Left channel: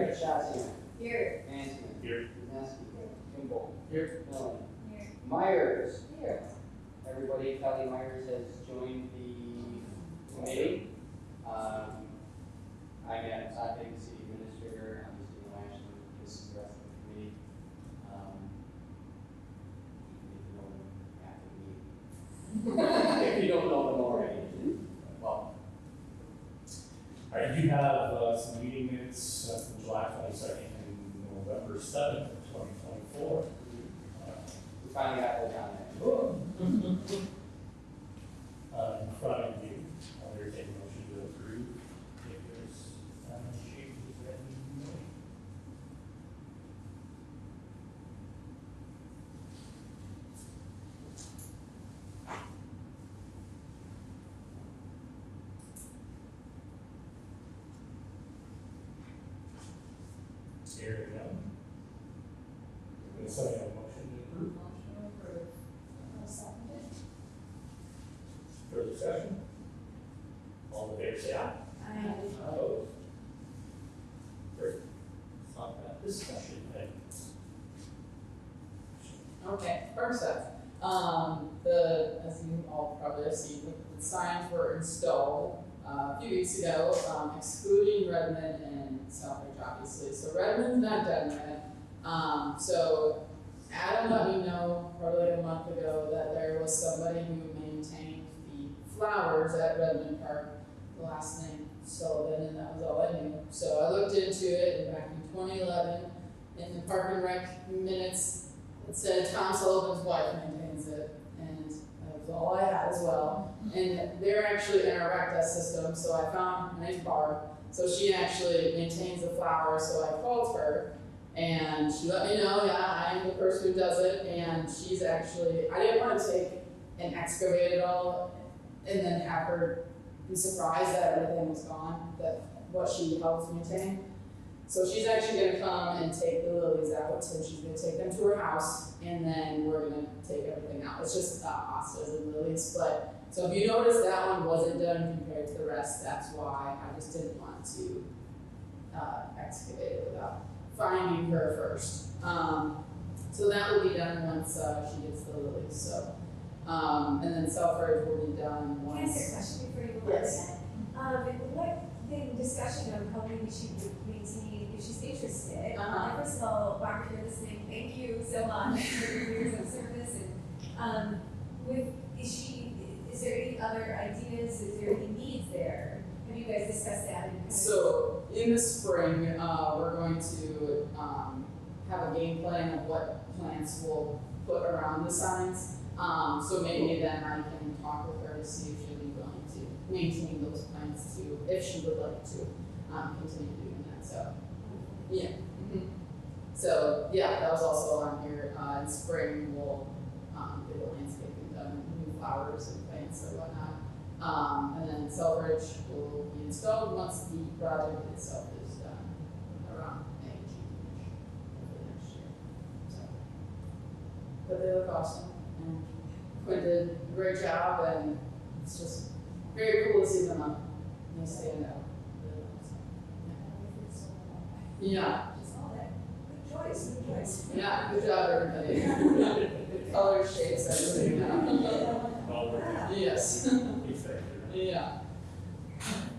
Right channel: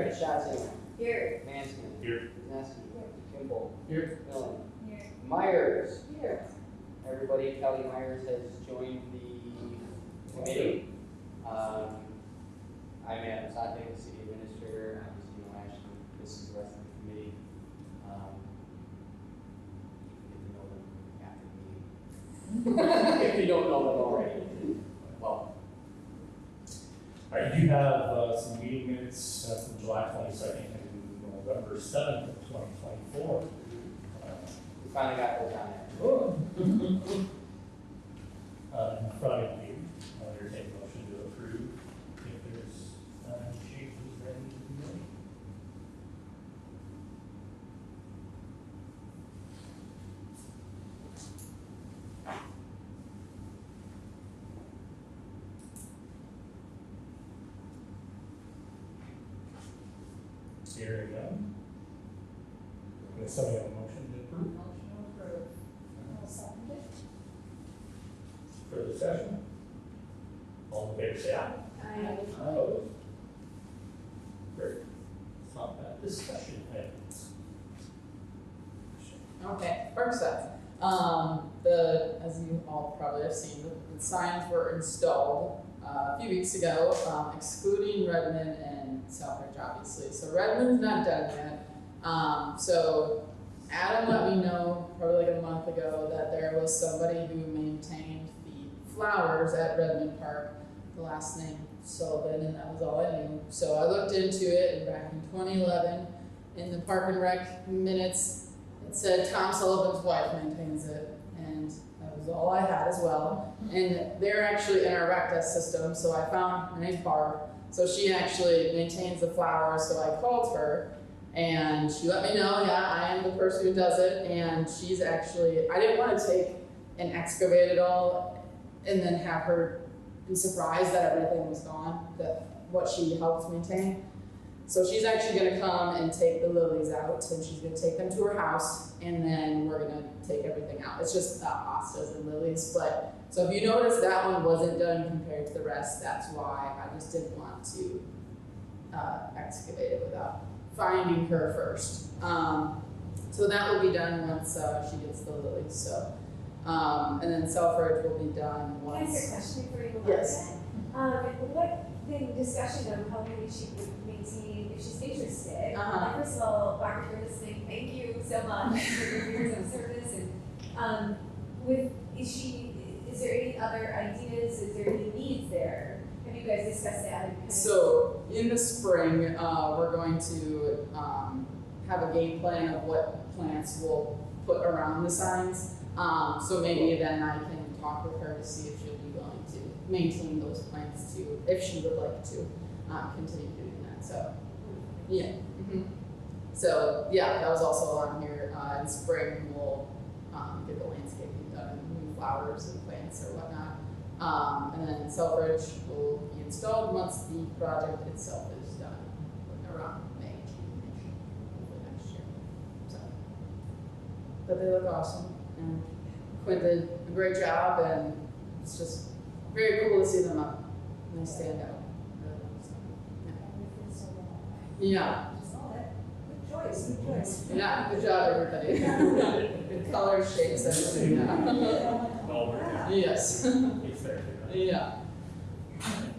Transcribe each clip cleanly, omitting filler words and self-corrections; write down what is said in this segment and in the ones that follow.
Meredith Shazam. Here. Hanson. Here. Nesky. Kimball. Here. Dillon. Here. Myers. Here. Everybody, Kelly Myers has joined the committee. I'm at Saturday, the city administrator, and this is the rest of the committee. If you don't know it already. Well, All right, you have some meeting minutes from July 22nd to November 7th, 2024. we finally got that done. In front of you, I'll entertain a motion to approve if there's changes that need to be made. Here we go. Does somebody have a motion to approve? Motion approved. I'll second it. Further discussion? All in favor, say aye. Opposed? Great. It's not bad. Discussion items. Okay, first up, as you all probably have seen, the signs were installed a few weeks ago, excluding Redmond and Southbridge, obviously. So Redmond's not done yet. So Adam let me know probably like a month ago that there was somebody who maintained the flowers at Ripon Park, the last name Sullivan, and that was all I knew. So I looked into it, and back in 2011, in the Park and Rec minutes, it said Tom Sullivan's wife maintains it, and that was all I had as well. And they're actually in our rec desk system, so I found her name's Barb. So she actually maintains the flowers, so I called her, and she let me know, yeah, I'm the person who does it, and she's actually, I didn't want to take and excavate it all and then have her be surprised that everything was gone, that what she helps maintain. So she's actually going to come and take the lilies out, so she's going to take them to her house, and then we're going to take everything out. It's just hostas and lilies, but, so if you notice that one wasn't done compared to the rest, that's why I just didn't want to excavate it without finding her first. So that will be done once she gets the lilies, so. And then Selfridge will be done Can I ask once. a question before you go on Yes. that? What the discussion of how many she would maintain if she's interested? First of all, Barb, you're listening, thank you so much for your years of service. And is there any other ideas? Is there any needs there? Have you guys discussed that? So in the spring, we're going to have a game plan of what plants we'll put around the signs. So maybe then I can talk with her to see if she'd be willing to maintain those plants too, if she would like to continue doing that. So yeah. So yeah, that was also on here. In spring, we'll get the landscaping done, new flowers and plants or whatnot. And then Selfridge will be installed once the project itself is done around May. So, but they look awesome. And Quinn did a great job, and it's just very cool to see them up and they stand out. Yeah. Good choice, good choice. Yeah, good job, everybody. Good colors, shades, everything. Yes. Yeah.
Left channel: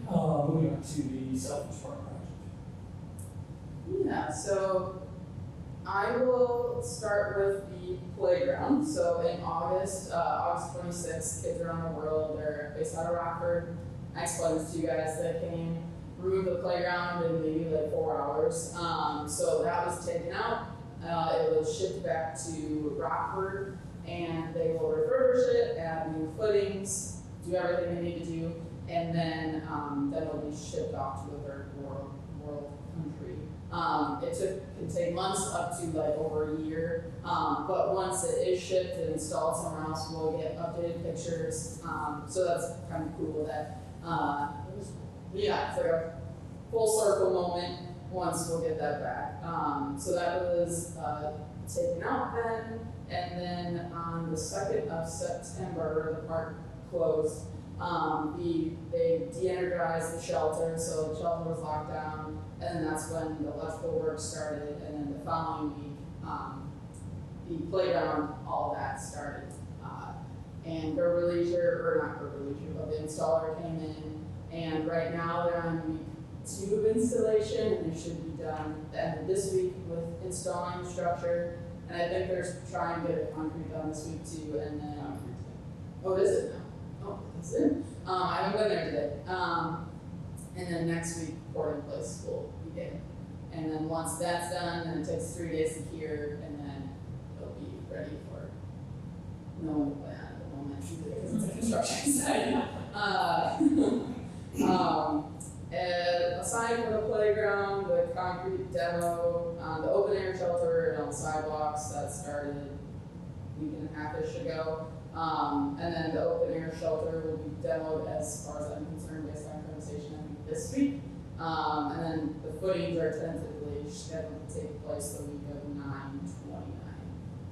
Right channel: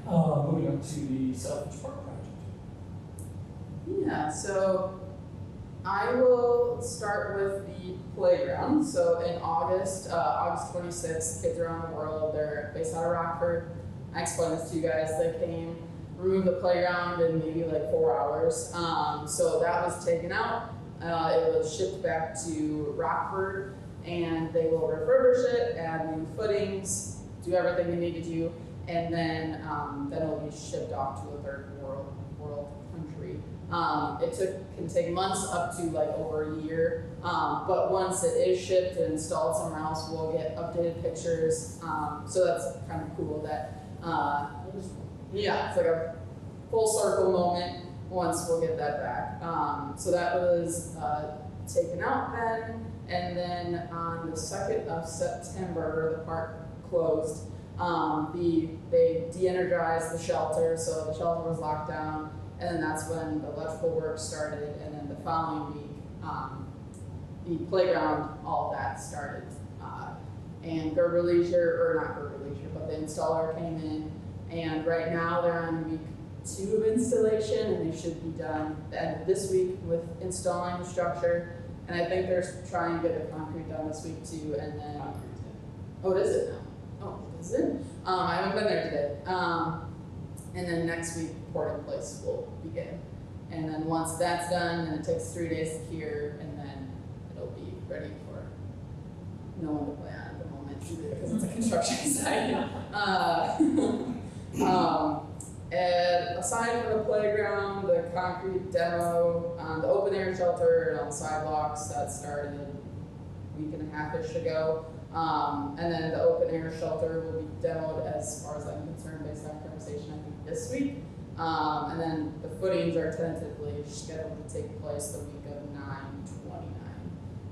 Moving on to the self-insurance project. Yeah, so I will start with the playground. So in August 26th, Kids Around the World, they're based out of Rockford. I explained this to you guys. They came, removed the playground in maybe like 4 hours. So that was taken out. It was shipped back to Rockford, and they will refurbish it, add new footings, do everything they need to do, and then it'll be shipped off to a third world country. It can take months up to like over a year, but once it is shipped and installed somewhere else, we'll get updated pictures. So that's kind of cool that, yeah, it's like a full circle moment once we'll get that back. So that was taken out then, and then on the 2nd of September, the park closed. They de-energized the shelter, so the shelter was locked down, and then that's when the electrical work started, and then the following week, the playground, all of that started. And Gerber Leisure, or not Gerber Leisure, but the installer came in, and right now they're on week 2 installation, and they should be done the end of this week with installing structure. And I think they're trying to get the concrete done this week too, and then, oh, is it now? Oh, is it? I haven't been there today. And then next week, pouring place will begin. And then once that's done, then it takes 3 days to cure, and then it'll be ready for no one will plan at the moment because it's a construction site. And aside from the playground, the concrete demo, the open air shelter and on sidewalks, that started a week and a half-ish ago. And then the open air shelter will be demoed as far as I'm concerned based on conversation this week. And then the footings are tentatively scheduled to take place the week of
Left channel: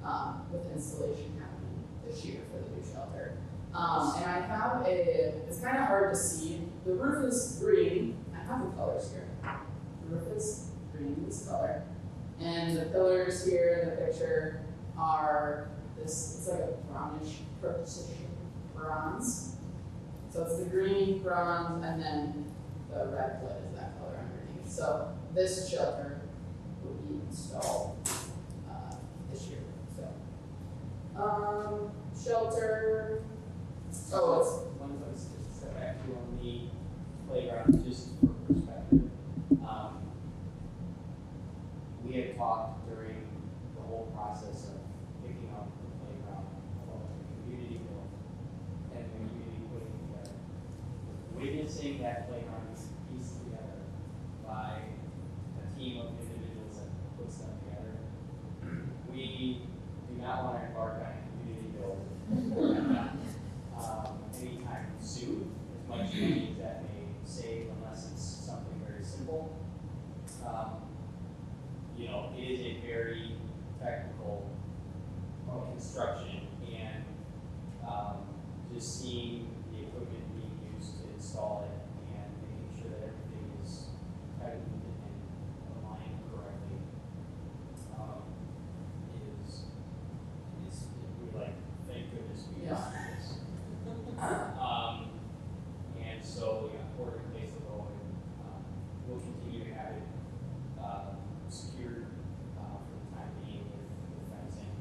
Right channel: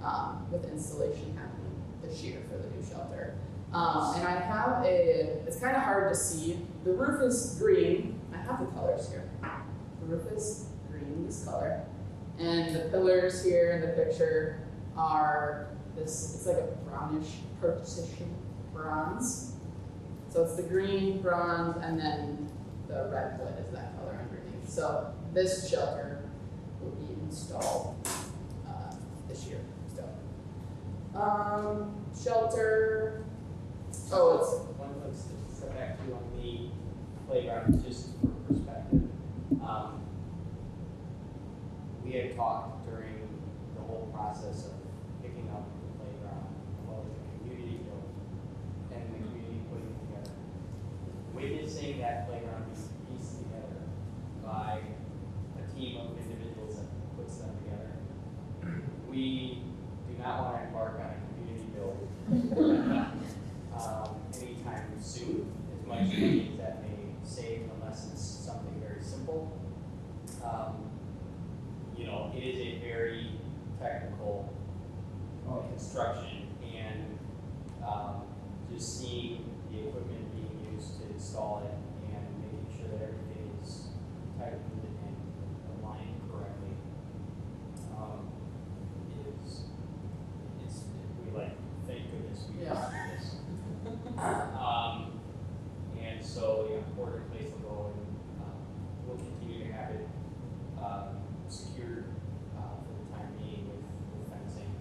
9/29, with installation happening this year for the new shelter. And I have it's kind of hard to see. The roof is green. I have the colors here. The roof is green, this color. And the pillars here in the picture are it's like a brownish purplish bronze. So it's the green, bronze, and then the red wood is that color underneath. So this shelter will be installed this year. So shelter. Oh, it's One let's step back to on the playground, just for perspective. We had talked during the whole process of picking up the playground, of the community building, and the community putting it together. Witnessing that playground piece together by a team of individuals that puts them together. We do not want to embark on a community building anytime soon. One of the things that may save unless it's something very simple. It is a very technical construction, and just seeing the equipment being used to install it and making sure that everything is tightened and aligned correctly is we like thank goodness we got this. And so we're in place to roll. We'll continue to have it secured for the time being with fencing,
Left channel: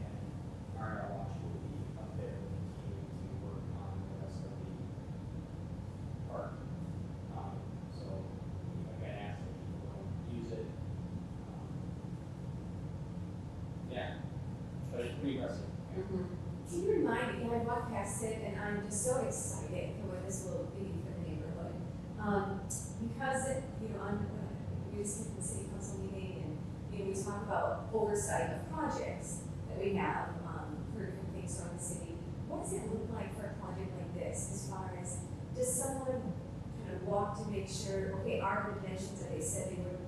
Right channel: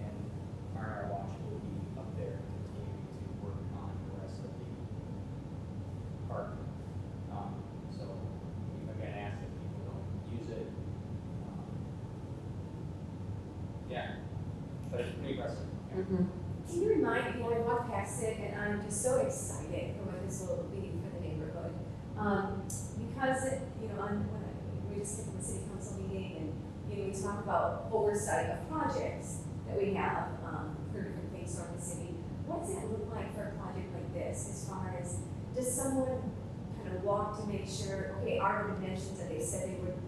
and our watch will be up there continuing to work on the rest of the park. So again, ask that people don't use it. Yeah, but it's pretty impressive. Can you remind me, I walked past it and I'm just so excited for what this will be for the neighborhood. Because, we just did the city council meeting and, we talk about oversight of projects that we have, for different things around the city. What does it look like for a project like this as far as, does someone kind of walk to make sure, okay, our dimensions that they said they were,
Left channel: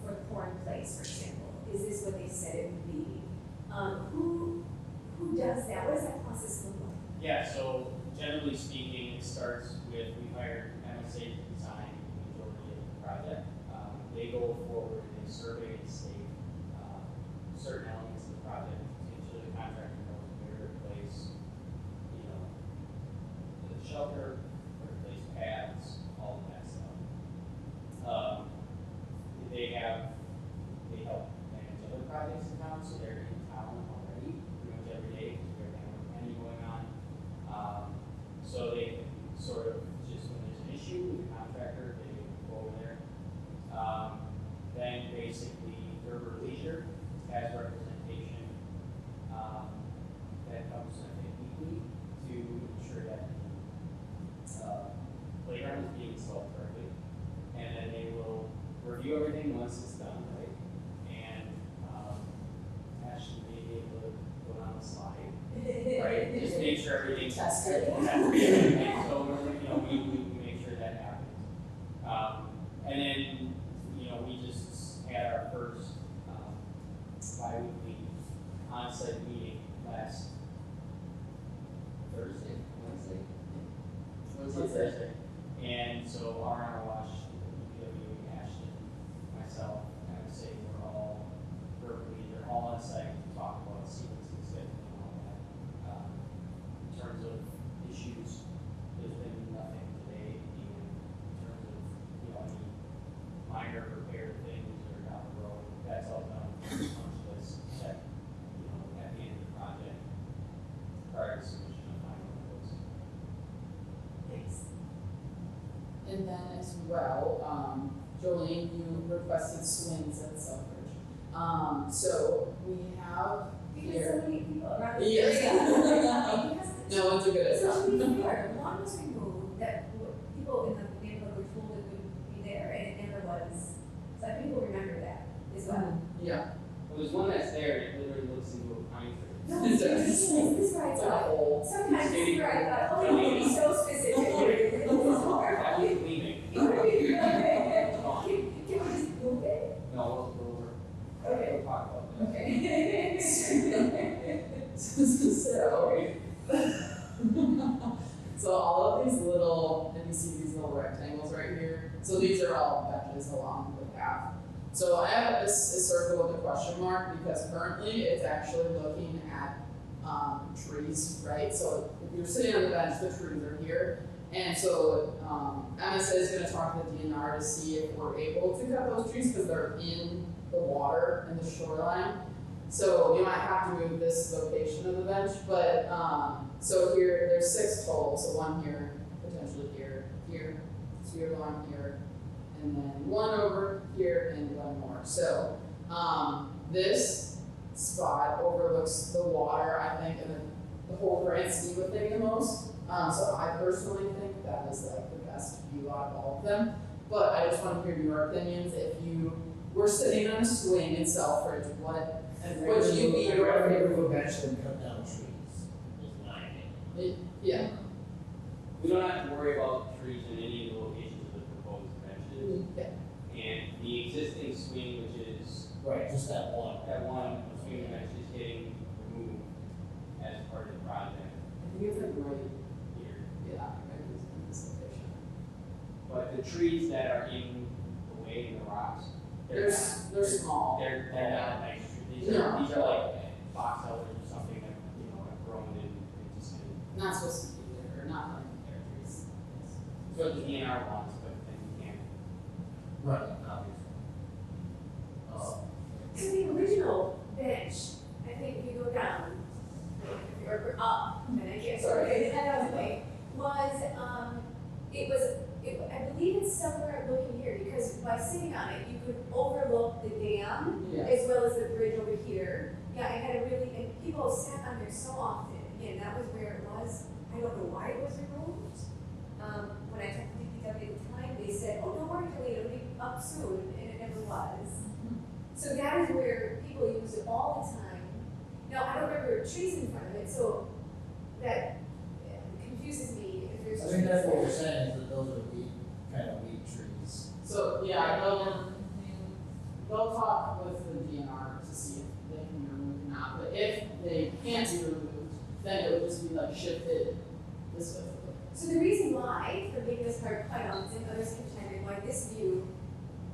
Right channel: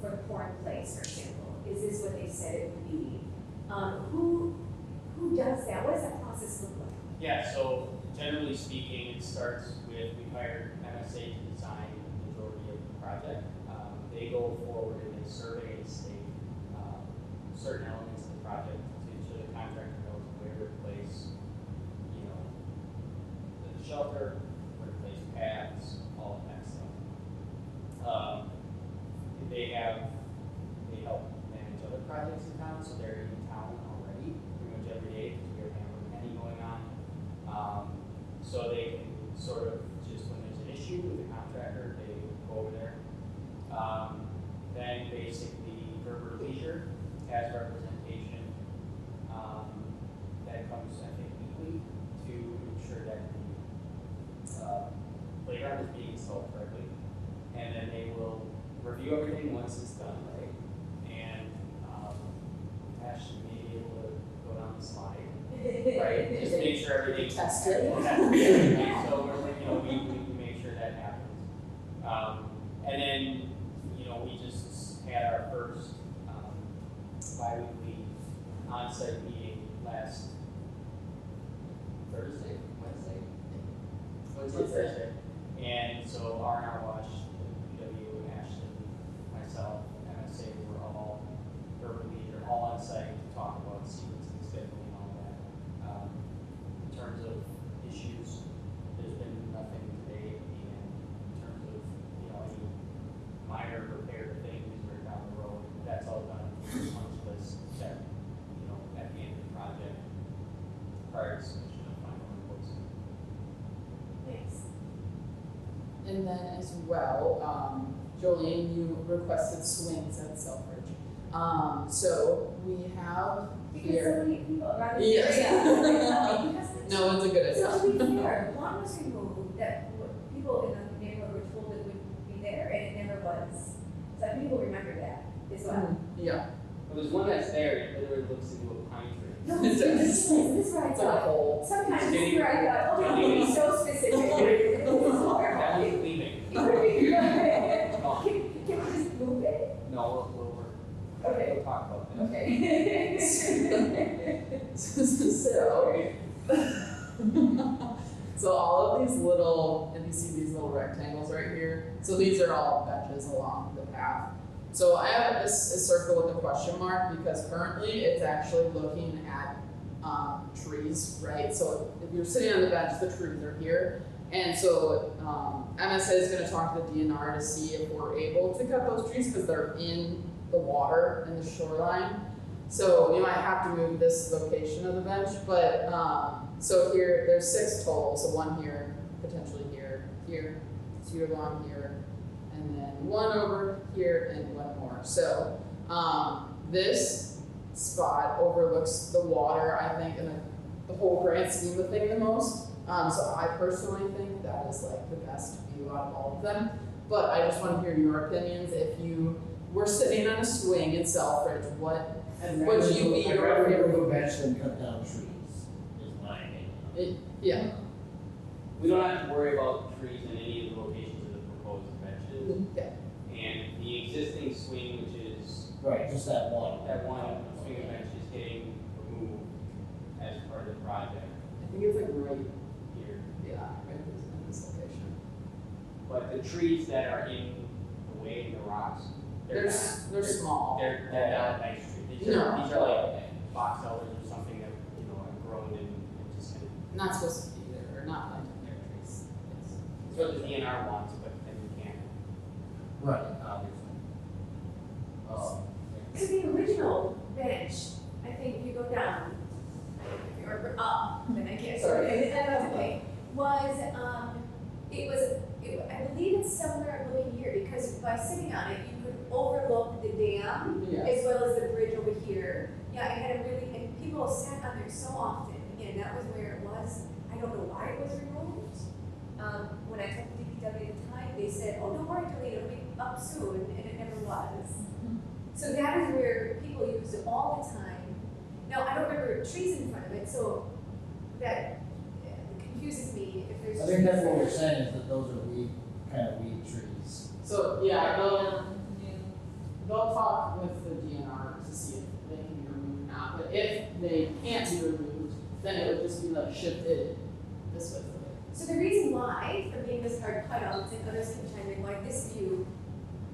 for the corn place, for example, is this what they said it would be? Who does that? What does that process look like? Yeah, so generally speaking, it starts with, we hire MSA to design the majority of the project. They go forward and they survey and state certain elements of the project to ensure the contractor knows where to replace, the shelter, replace paths, all of that stuff. They help manage other projects in town, so they're in town already pretty much every day because we have any going on. So they can sort of just when there's an issue with the contractor, they go over there. Then basically Gerber Leisure has representation that comes, I think, weekly to ensure that the playground is being installed correctly. And then they will review everything once it's done, right? And actually may be able to go down the slide. Right, just make sure everything's Tested. So we make sure that happens. And then, we just had our first bi-weekly on-site meeting last Thursday. And so R&R Watch, PW, Ashton, well. Jolene, you requested swings at Selfridge. So we have Because here. so many people around the Yes. area. No one's a good at So to be fair, one was removed that people in the neighborhood were told it would be there and it never was. So I think we'll remember that as well. Yeah. There's one that's there, it literally looks into a pine tree. No, it's ridiculous. This is where I It's a thought. hole. Sometimes this is where I thought, oh, we be so specific. This is horrible. That was leaving. Can we just move it? No, Okay. we'll talk about that. Okay. So all of these little, and you see these little rectangles right here, so these are all benches along the path. So I have this a circle with a question mark because currently it's actually looking at trees, right? So if you're sitting on the bench, the trees are here. And so MSA is going to talk to the DNR to see if we're able to cut those trees because they're in the water in the shoreline. So we might have to move this location of the bench, but so here there's 6 total. So one here, potentially here, here, 2 along here, and then 1 over here and 1 more. So this spot overlooks the water, I think, and the whole grand scheme of things the most. So I personally think that is like the best view out of all of them. But I just want to hear your opinions. If you were sitting on a swing in Selfridge, what would you be I'd your rather favorite? remove bench than cut down trees, is my opinion. Yeah. We don't have to worry about the trees in any of the locations of the proposed convention. Okay. And the existing swing, which is Right, just that one. that one swing bench, is getting removed as part of the project And you have a great, here. yeah, in this location. But the trees that are in the way of the rocks, They're small. they're not nice trees. These No. are like box elders or something that, have grown in just. Not supposed to be there, or not like trees. So the DNR wants, but then we can't. Right, obviously. So the original bench, I think if you go down, or up, then I can't, sorry, that was okay, I believe it's somewhere looking here, because by sitting on it, you could overlook the dam Yeah. as well as the bridge over here. Yeah, it had a really, and people sat on there so often, and that was where it was. I don't know why it was removed. When I took the DPW at the time, they said, oh, don't worry, Kelly, it'll be up soon, and it never was. So that is where people use it all the time. Now, I don't remember trees in front of it, so that confuses me if there's. I think that's what we're saying, is that those are kind of weed trees. So, yeah, they'll talk with the DNR to see if they can be removed or not, but if they can't be removed, then it would just be like shifted this way. So the reason why, for being this part, quite honest, and others can chime in, why this view,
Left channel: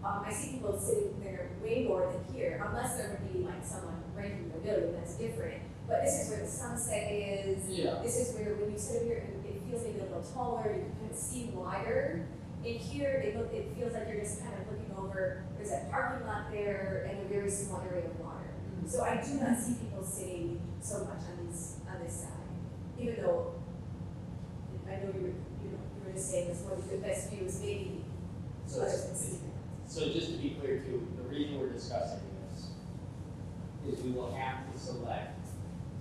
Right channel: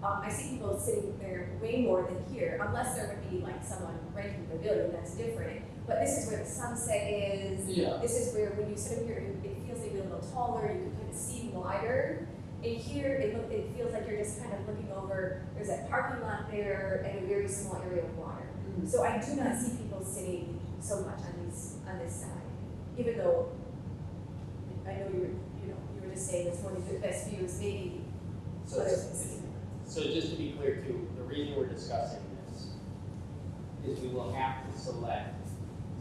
I see people sitting there way more than here, unless they're gonna be like someone right from the building, that's different. But this is where the sunset is. Yeah. This is where when you sit here, it feels like you're a little taller, you can see wider. And here, it feels like you're just kind of looking over, there's that parking lot there and a very small area of water. So I do not see people sitting so much on this side, even though I know you were just saying this one of the best views maybe. So just to be clear too, the reason we're discussing this is we will have to select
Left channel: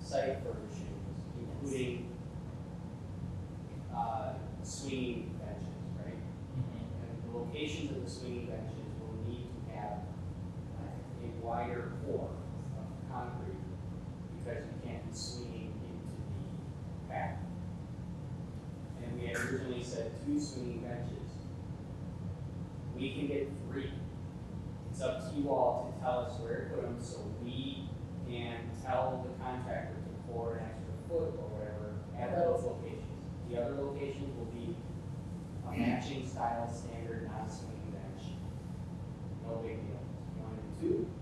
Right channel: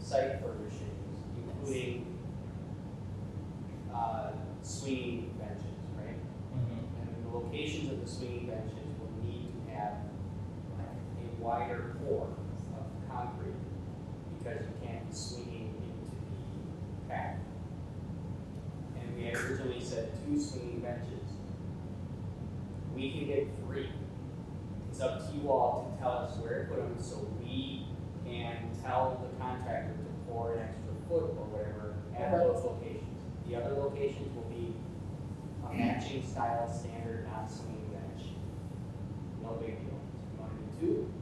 site furnishings, including swinging benches, right? And the locations of the swinging benches will need to have a wider form of concrete because you can't be swinging into the path. And we had originally said 2 swinging benches. We can get 3. It's up to you all to tell us where to put them so we can tell the contractor for an extra foot or whatever at those locations. The other locations will be a matching style standard, not swinging bench. No big deal. You want to do 2?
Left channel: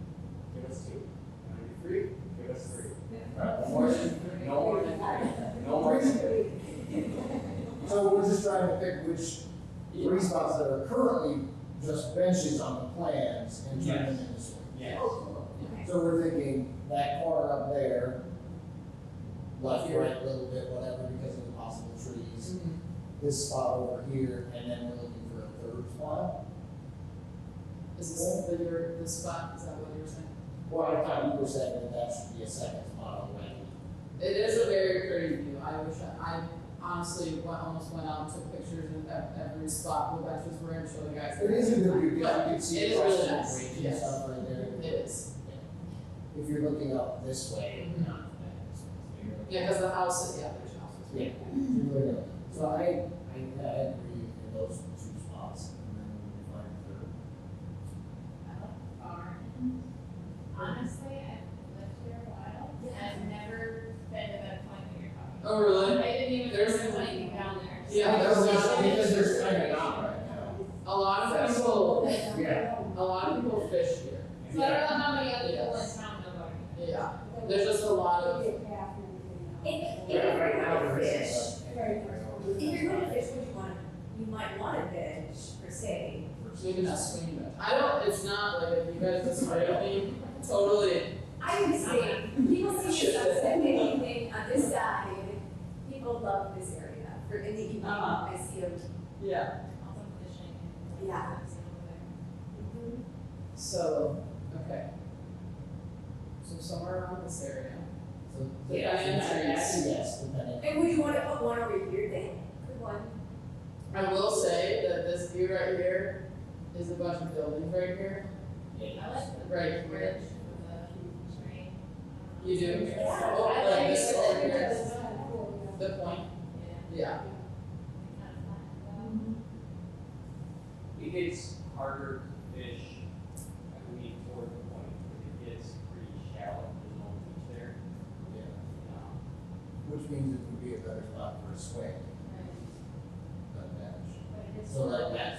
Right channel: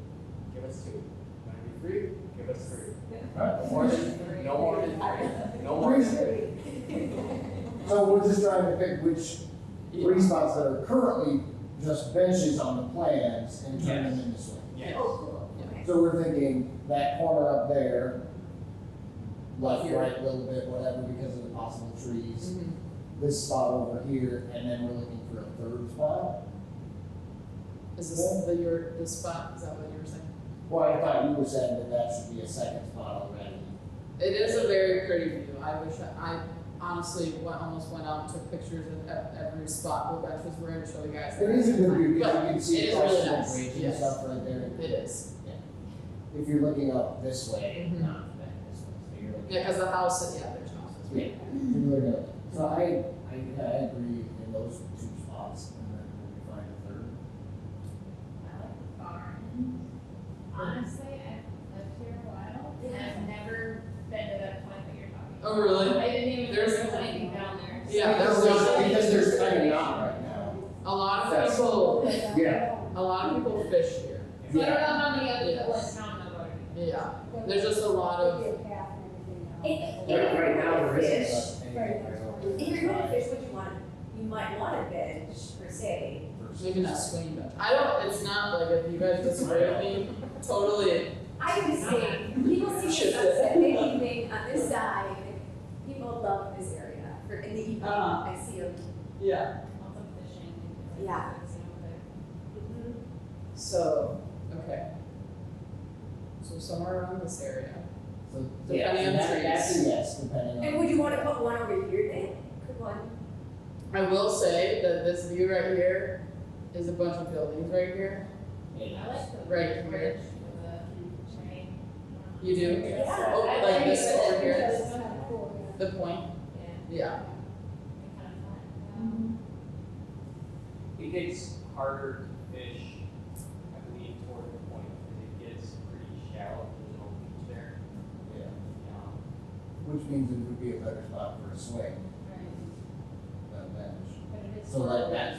Give us 2. You want to do 3? Give us 3. Right, more than- No more than 3. No more than 3. So we're just trying to pick which 3 spots that are currently just benches on the plans and turn them into swings. Yes. Okay. So we're thinking that corner up there, left, right, a little bit, whatever, because of the possible trees. This spot over here, and then we're looking for a third spot. Is this the spot, is that what you were saying? Well, I thought you were saying that that should be a second spot already. It is a very pretty view, I wish, I honestly almost went out and took pictures of every spot where benches were in, show you guys. It is a good view, because you But can see it is across really the nice, bridge and yes. stuff right there. It is, If you're looking up this way, Mhm. not that, you're looking- yeah, because the house is, yeah, there's houses. Yeah, you're looking up. So I agree in those two spots, and then we find a third. Honestly, I've lived here a while, and I've never been to that point that you're talking about. Oh, really? I didn't even There's- know there was anything down there. Yeah, Because there's kind of not right now. A lot of people, Yeah. a lot of people fish here. So I don't know how many other people in town know about it. Yeah, there's just a lot of, Right now, there isn't, but. If you're gonna fish, you might want a bench per se. maybe not swing it. I don't, it's not like if you guys disagree with me, totally, I would say, people see the sunset in the evening on this side, people love this area for in the evening, Uh-huh. I see them, yeah. Lots of fishing. Yeah. So, okay. So somewhere around this area. Yeah, and that's a yes, depending on. and would you wanna put one over here then? Put one, I will say that this view right here is a bunch of buildings right here. I like the Right. bridge with the train. You do? Yeah. Oh, I like think this it's over really here, good. the point, Yeah. yeah. Kind of fun. It gets harder to fish, I mean, toward the point, it gets pretty shallow, there's no fish there. Which means it would be a better spot for a swing than a bench. So like that.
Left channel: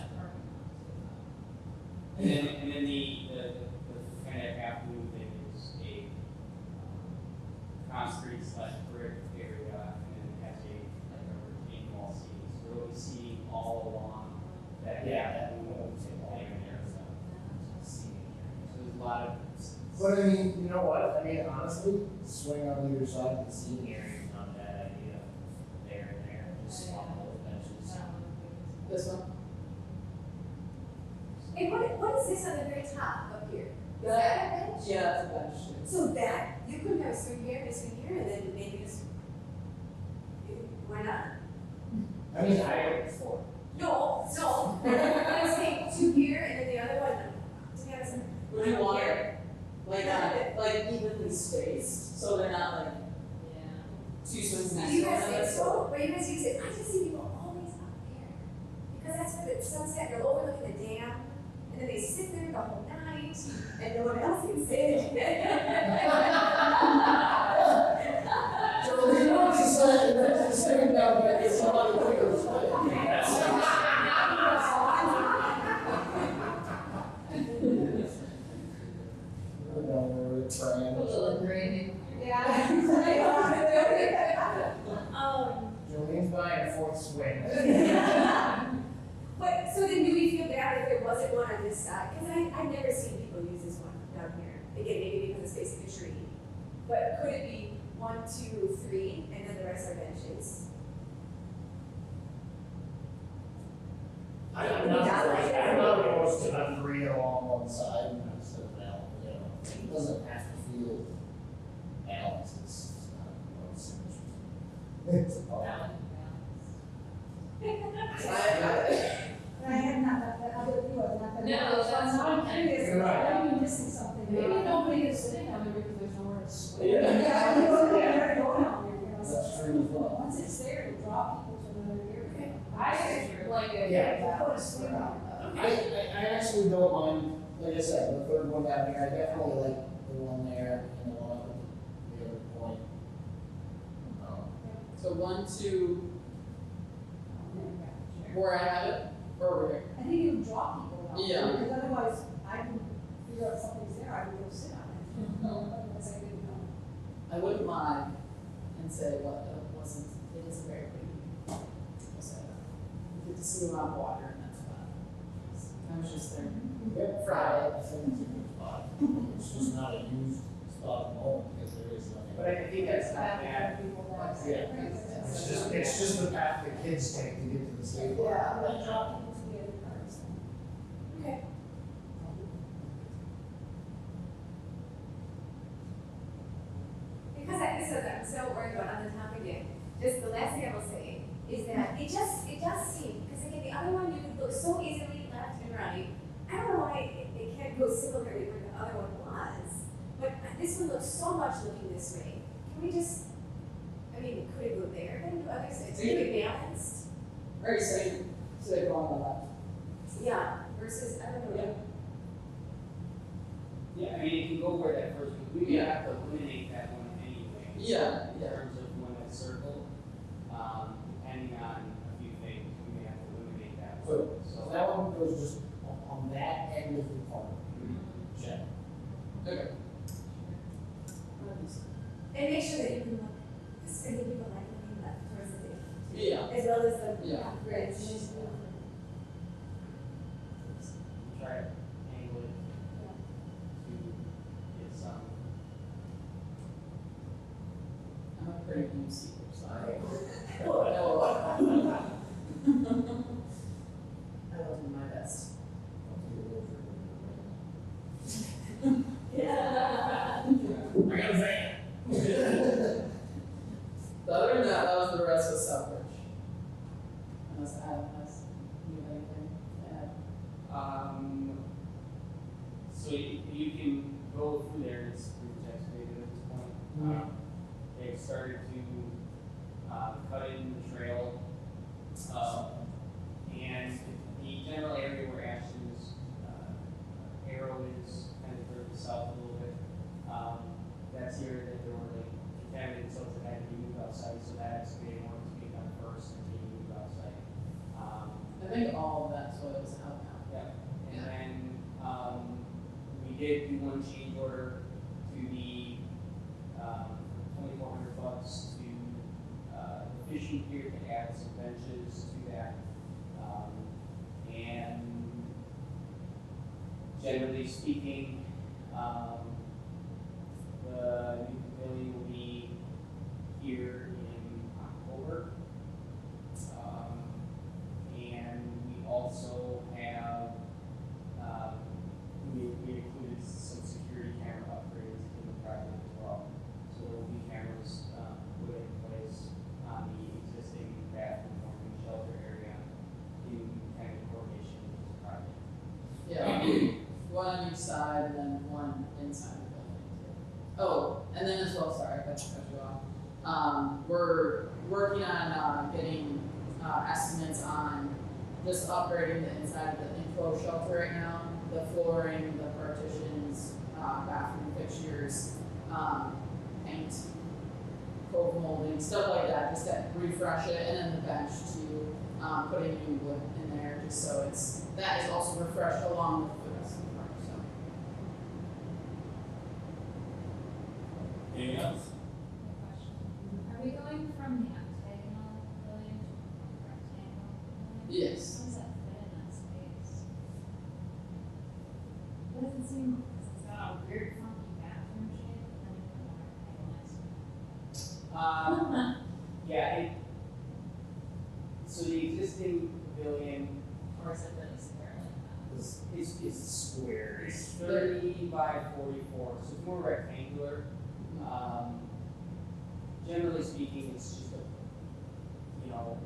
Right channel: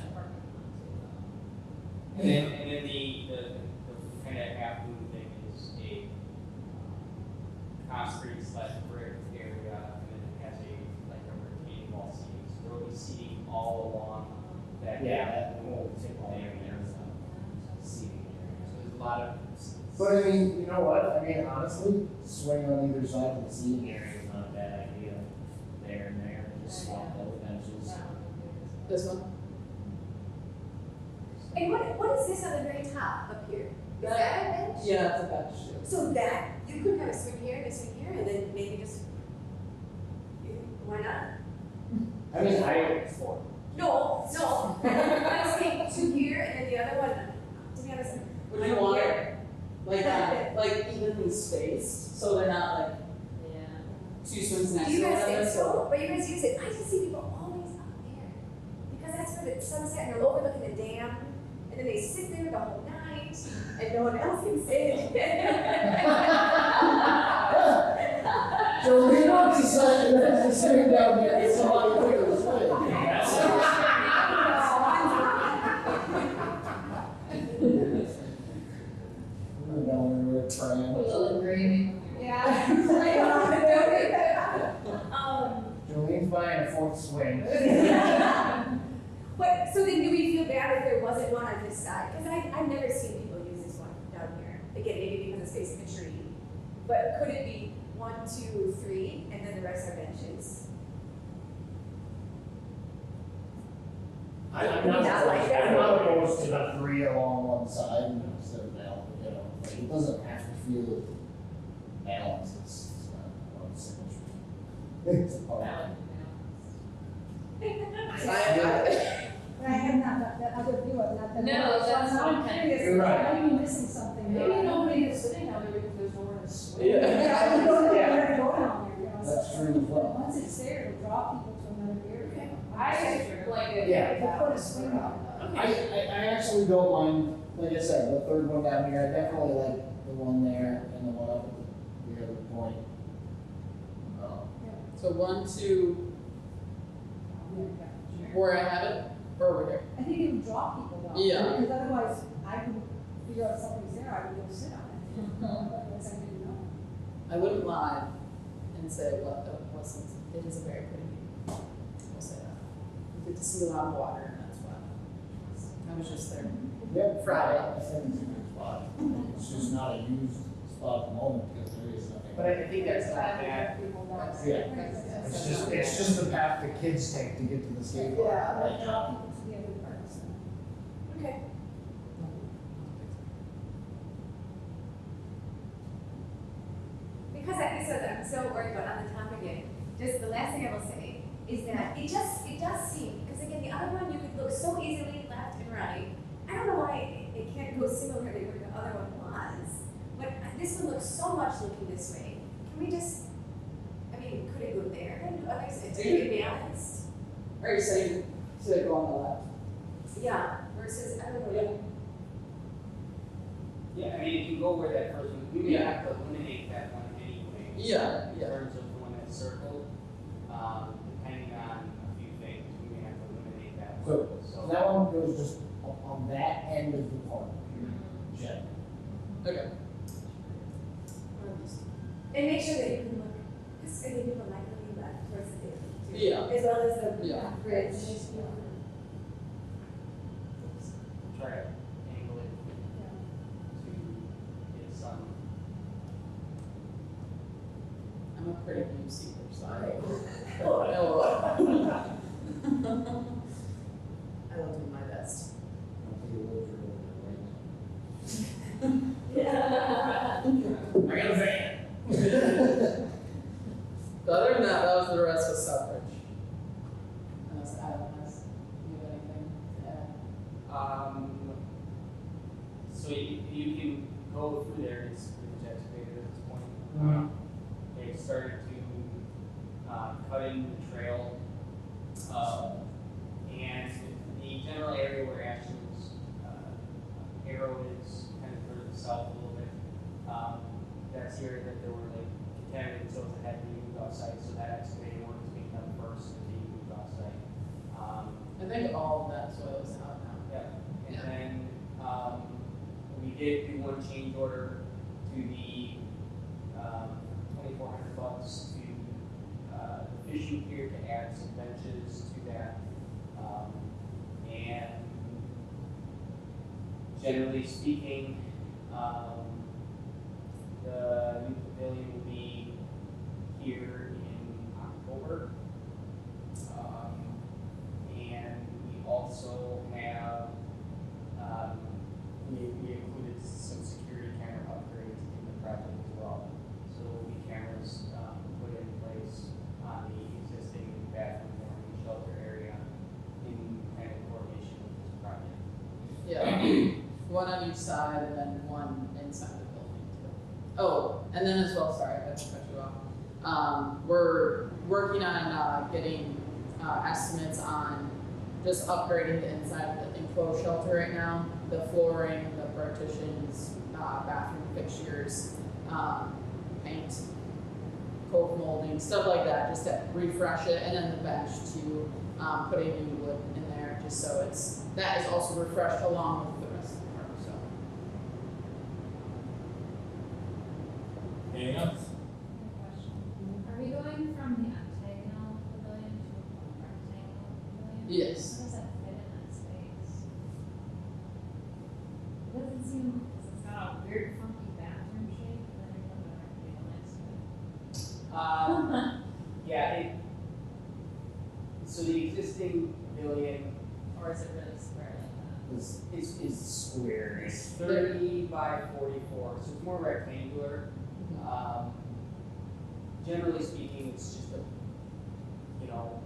And then the kind of half moon thing is a concrete slash brick area, and then it has a like retaining wall seating, so you'll see all along that. Yeah. That whole layer in there, so seating area, there's a lot of. But I mean, you know what, I mean, honestly, swing on either side of the seating area is not a bad idea. There and there, just swap those benches. This one? and what is this on the very top up here? Is that a bench? Yeah, it's a bench. So that, you could have a swing here and a swing here, and then maybe just, why not? I mean, No, let's take two here and then the other one, together. Would you want it like evenly spaced, so they're not like two swings next You to guys each think other? so, but you guys use it, I just see people always up there. Because that's where the sunset, and they're overlooking the dam, and then they sit there the whole night, and no one else can sit. So we want to decide that it's sitting down there, it's a lot of people swing. We're down there with a triangle. Yeah. Julian's buying a fourth swing. But, so then do we feel bad if there wasn't one on this side? Because I've never seen people use this one down here. Again, maybe because it's facing a tree. But could it be 1, 2, 3, and then the rest are benches? I'm not opposed to not three along one side instead of now, you know, like, it doesn't have to feel balanced, it's not about symmetry. It's about. No, that's fine. You're right. I'm missing something. Maybe nobody is sitting down there because there's nowhere to swing. That's true as well. Once it's there, to draw people to another area. I just like it. Yeah. I want to swim out. I actually don't mind, like I said, the third one down here, I definitely like the one there and the one up at the other point. So 1, 2, where I have it, or where? I think you would draw people out. Yeah. Because otherwise, I can figure out something's there, I would go sit on it. Once I didn't know. I wouldn't lie and say, well, listen, it's very pretty. I'll say that. Good to see a lot of water, and that's why. I was just there. Yeah. Friday. I think it's a good spot. It's just not a used spot at the moment, because there is nothing. But I think that's not bad. Yeah. It's just the path the kids take to get to the skate park. Yeah, I draw people to get in the it does seem, because again, the other one you could go so easily left and right. I don't know why it can't go similarly where the other one was, but this one looks so much looking this way. Can we just, I mean, could it go there and do others, it's really balanced? Are you saying to go on the left? Yeah, versus, I don't know. Yeah, I mean, it can go where that person, we would have to eliminate that one anyway. Yeah, In terms of the one that's circled, depending on a few things, we have to eliminate that. So, so that one goes just on that end of the corner. Yeah. Okay. And make sure that you can look, because I think people like looking left versus it. Yeah. As well as the Yeah. bridge. Try to angle it to get some. I'm a pretty new seeker, so I Oh, I'll do my best. Yeah. I got a van. But other than that, that was the rest of Southbridge. Unless Adam has, you got anything to add? So you can go through there, it's pretty excavated at this point. They've started to, cut into the trail. And the general area where Ashton's, arrow is kind of further south a little bit. That's the area that they were like, candidates over that they moved outside, so that excavated work is being done first, and they moved outside. I think all of that's what was out now. Yeah, and then, we did do one change order to the, $2,400 to, fishing pier to add some benches to that. And generally speaking, the new pavilion will be here in October. And we also have, we included some security camera upgrades in the project as well. So there will be cameras, put in place on the existing bathroom and shelter area in kind of coordination with this project. Yeah, one on each side and then one inside the building. Oh, and then as well, sorry, I cut you off. We're working on, getting, estimates on just upgrading the inside of the enclosed shelter right now. The flooring, the partitions, bathroom fixtures, paint, coat molding, stuff like that, just to refresh it, and then the bench to, put a new wood in there, just so it's, that is also refreshed along with the rest of the park, so. Anything else? Are we going from the octagonal pavilion to a rectangle pavilion? Yes. How does that fit in that space? Doesn't seem, it's got a weird funky bathroom shape, and then another rectangle next to it. Yeah, so the existing pavilion Or is it really square like that? is square, it's 30 by 44, so it's more rectangular. Generally speaking, it's just a, you know,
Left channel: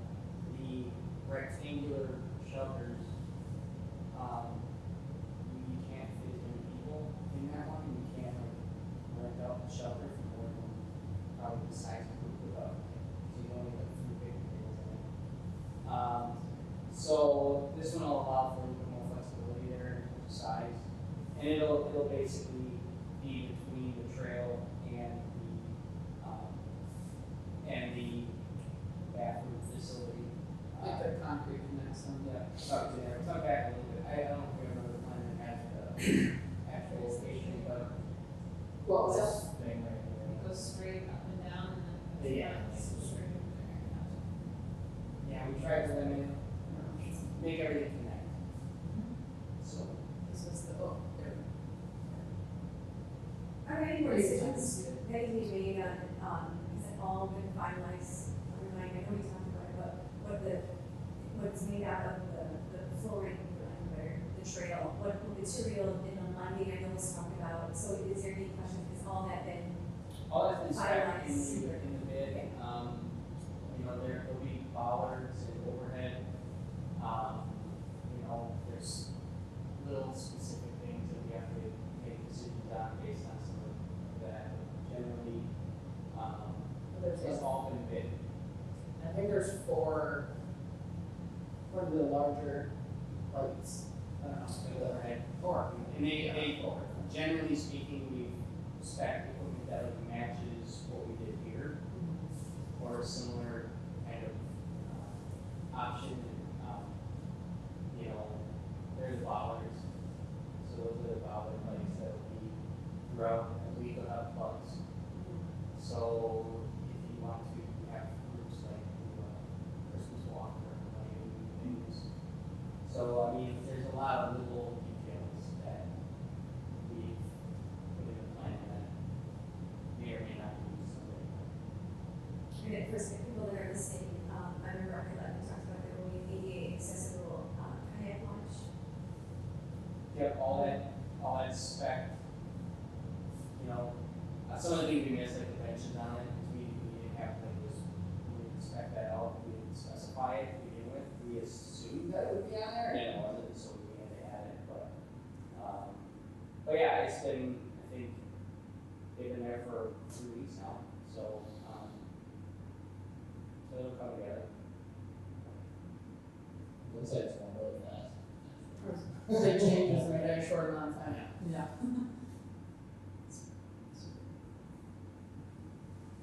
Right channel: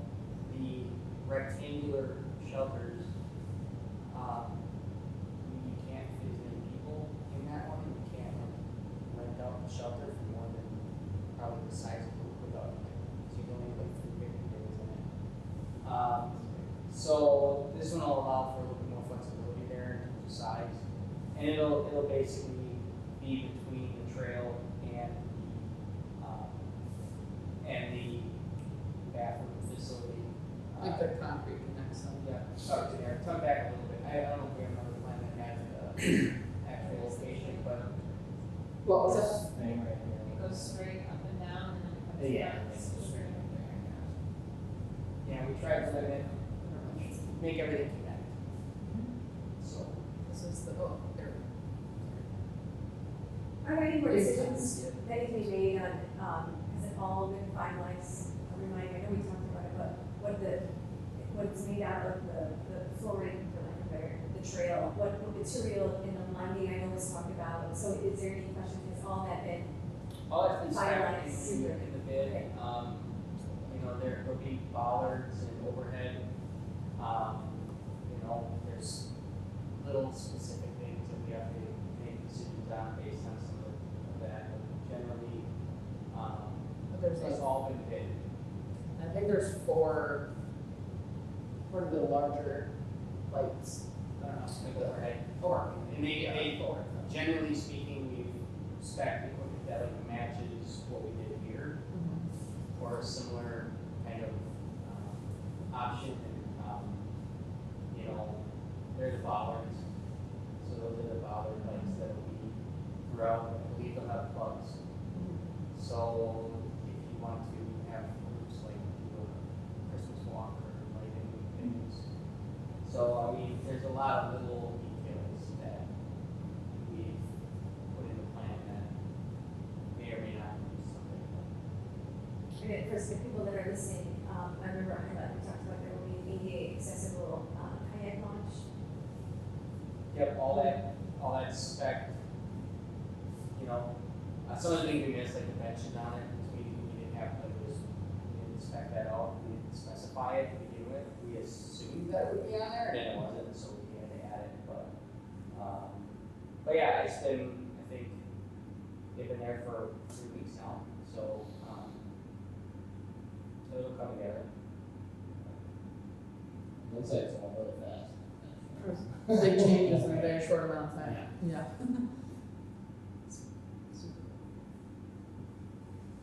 the rectangular shelters, you can't fit as many people in that one, you can't rent out the shelter for more than probably the size of the dog. So you only get 3 people in it. So this one will allow for a little more flexibility there in terms of size, and it'll basically be between the trail and the bathroom facility. I think they're concrete in that, so. Yeah, tucked in there, tucked back a little bit. I don't think I'm really planning to have like a actual location, but What was that? this thing right here. It goes straight up and down and then it comes Yeah, back. it's just straight up there. Yeah, we tried to limit, make everything connect. So, So it's the, oh, there. think there's four of the larger lights. Overhead park, and they, generally speaking, we spec equipment that like matches what we did here, or a similar kind of option. You know, there's bollards, so those are the bollard lights that will be throughout. I believe they'll have bugs. So if you want to have groups like do a Christmas walk or like things. So I mean, there's a lot of little details that we've put in the plan that may or may not be something. And for some people that are listening, I remember we talked about there will be ADA accessible kayak launch. Get all that spec, you know, some of the things we missed, like the dimensions on it, we didn't have, like, we didn't spec that out, we didn't specify it to begin with, we assumed that it would be on there, and it wasn't, so we had to add it, but yeah, it's been, I think, they've been there for 2 weeks now, so it'll come together. Looks like it's going really fast. Big changes in a very short amount of time. Yeah.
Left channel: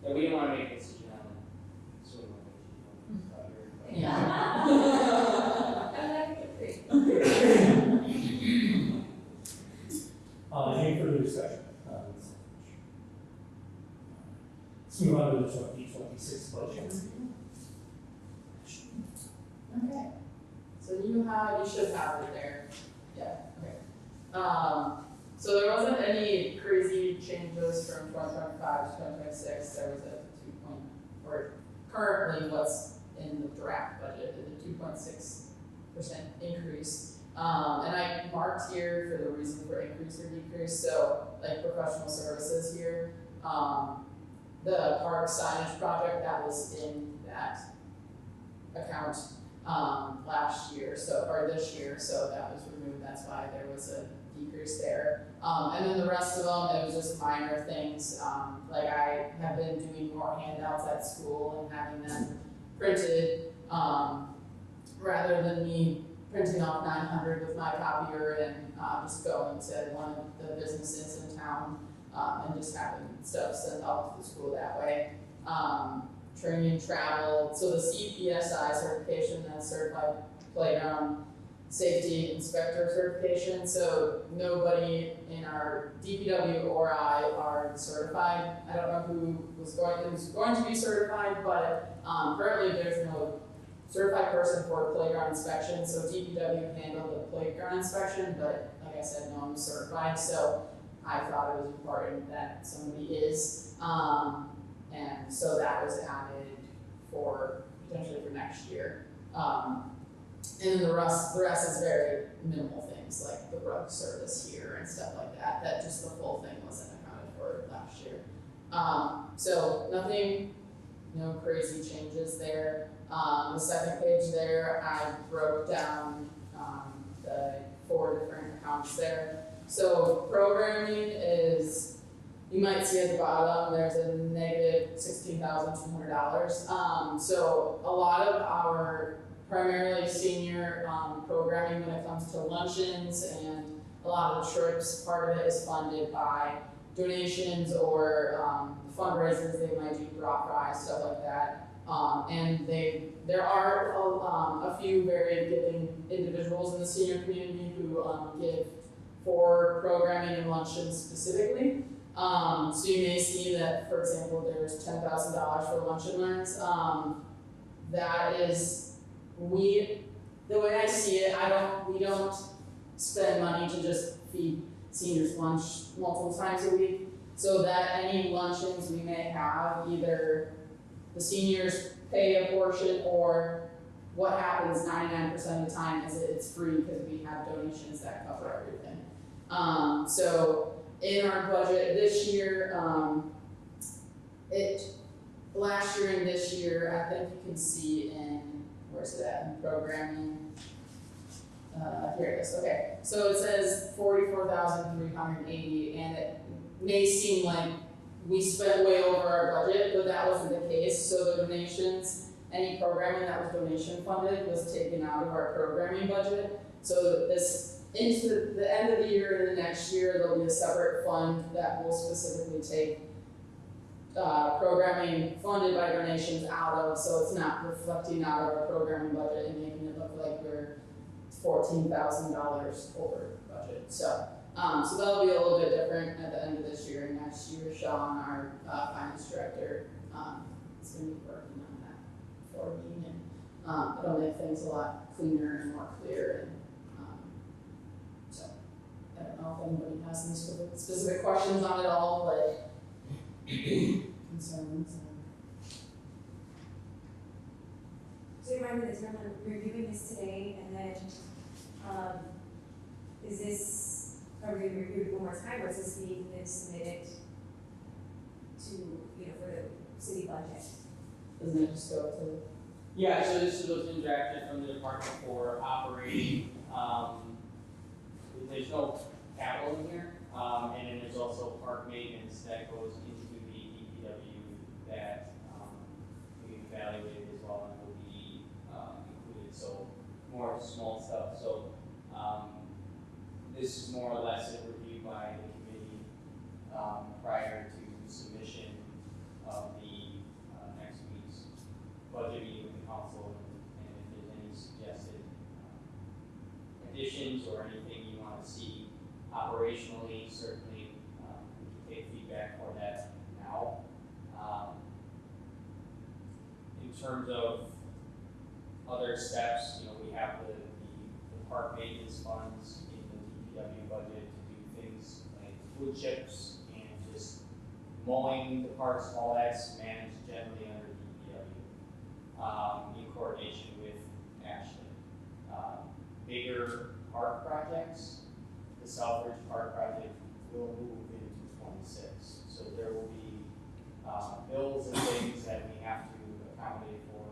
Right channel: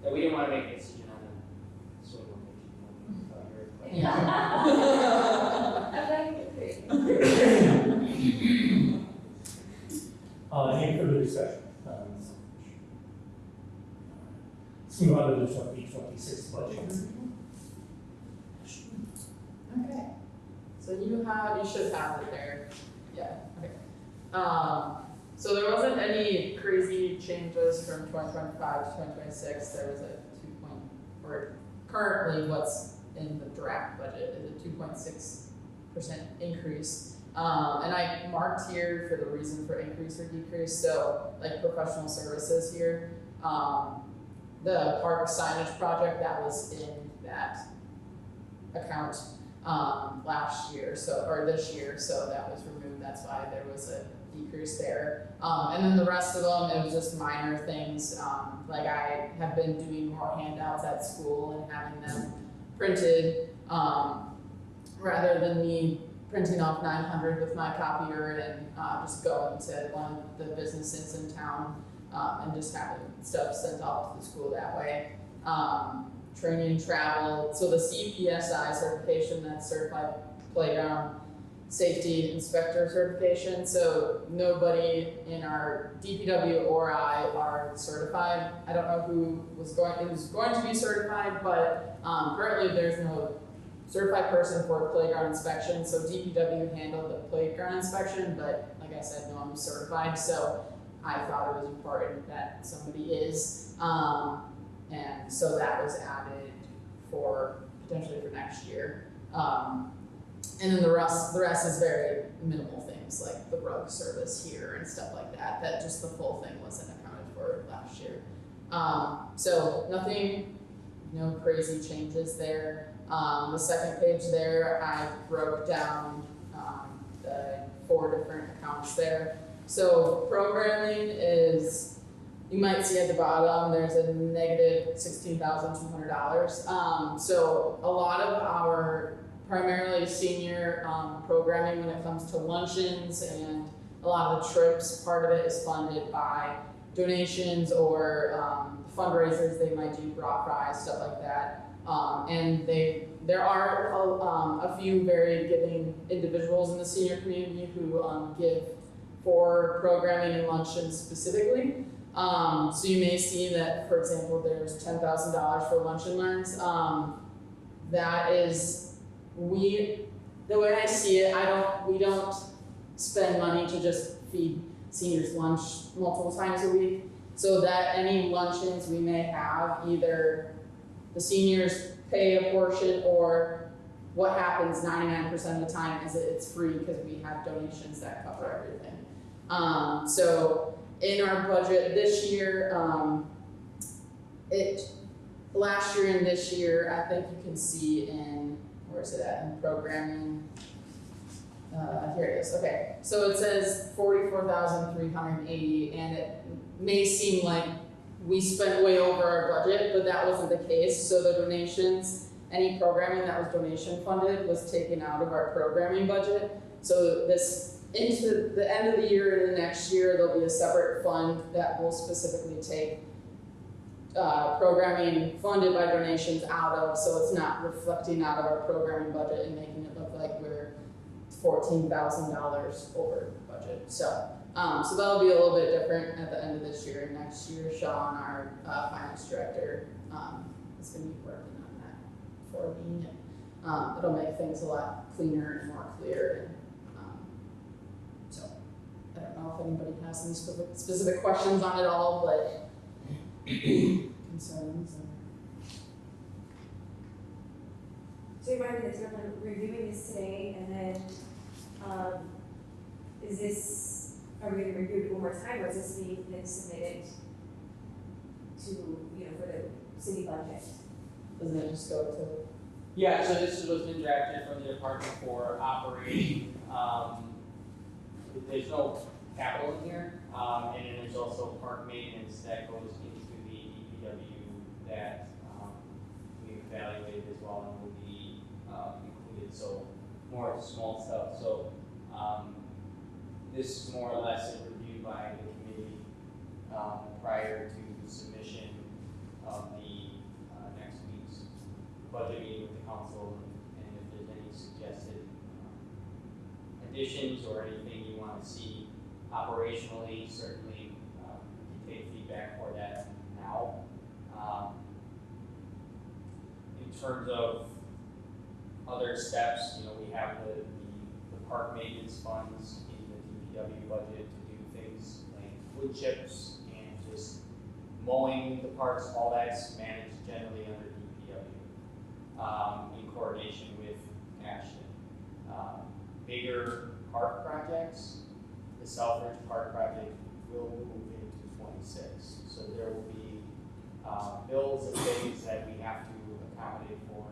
Yeah, we didn't want to make a decision on swim location. Yeah. I like it. Any further discussion? Let's move on to the 2026 budget. Okay. So you should have it there. Yeah. Okay. So there wasn't any crazy changes from 2025 to 2026. There was or currently what's in the draft budget is a 2.6% increase. And I marked here for the reason for increase or decrease. So like professional services here, the park signage project that was in that account last year, or this year, so that was removed. That's why there was a decrease there. And then the rest of them, it was just minor things. Like I have been doing more handouts at school and having them printed, rather than me printing off 900 with my copier and just going to one of the businesses in town and just having stuff sent off to the school that way. Training, travel, so the CPSI certification, that's certified playground safety inspector certification. So nobody in our DPW or I are certified. I don't know who's going to be certified, but currently there's no certified person for playground inspection. So DPW handled the playground inspection, but like I said, no one was certified. So I thought it was important that somebody is. And so that was added for potentially for next year. And then the rest is very minimal things like the rug service here and stuff like that. That just the full thing wasn't accounted for last year. So nothing, no crazy changes there. The second page there, I broke down the 4 different accounts there. So programming is, you might see at the bottom, there's a negative $16,200. So a lot of our primarily senior programming when it comes to luncheons and a lot of trips, part of it is funded by donations or fundraisers they might do, drop prize, stuff like that. And there are a few very giving individuals in the senior community who give for programming and luncheons specifically. So you may see that, for example, there's $10,000 for lunch and learns. That is, the way I see it, we don't spend money to just feed seniors lunch multiple times a week. So that any luncheons we may have, either the seniors pay a portion, or what happens 99% of the time is it's free because we have donations that cover everything. So in our budget this year, last year and this year, I think you can see in, where's it at, in programming. Here it is, okay. So it says 44,380, and it may seem like we spent way over our budget, but that wasn't the case. So the donations any programming that was donation funded was taken out of our programming budget. So this, into the end of the year and the next year, there'll be a separate fund that will specifically take programming funded by donations out of, so it's not reflecting out of our programming budget and making it look like we're $14,000 over budget. So that'll be a little bit different at the end of this year. Next year, Sean, our finance director, is going to be working on that for me. And it'll make things a lot cleaner and more clear. And, so I don't know if anybody has any specific questions on it all, like concerns. So you're right, there's no one reviewing this today, and then, is this, are we gonna review it one more time, or is this being then submitted to, for the city budget? Doesn't it just go to? Yeah, so this was been drafted from the department for operating, there's no capital in here, and then there's also park maintenance that goes into the DPW that, we evaluated as well, and will be, so more of small stuff, so, this is more or less a review by the committee, prior to submission of the, next week's budget meeting with the council, and if there's any suggested additions or anything you want to see operationally, certainly, we can take feedback for that now. In terms of other steps, we have the park maintenance funds in the DPW budget to do things like wood chips and just mowing the parks, all that's managed generally under DPW, in coordination with Ashton. Bigger park projects, the Southbridge Park project will move into 26. So there will be, bills and things that we have to accommodate for in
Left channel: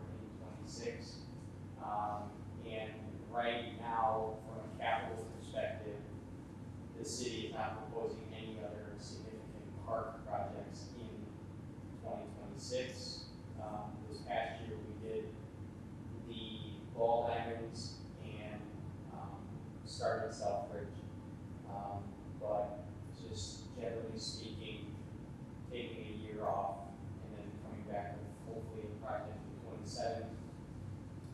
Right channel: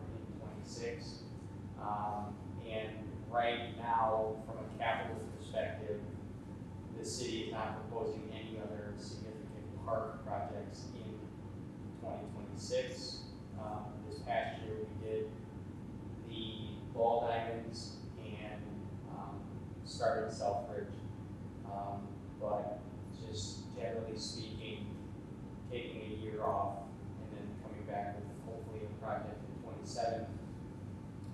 26. And right now, from a capital perspective, the city is not proposing any other significant park projects in 2026. This past year, we did the ball diamonds and started Southbridge. But just generally speaking, taking a year off and then coming back with hopefully the project in 27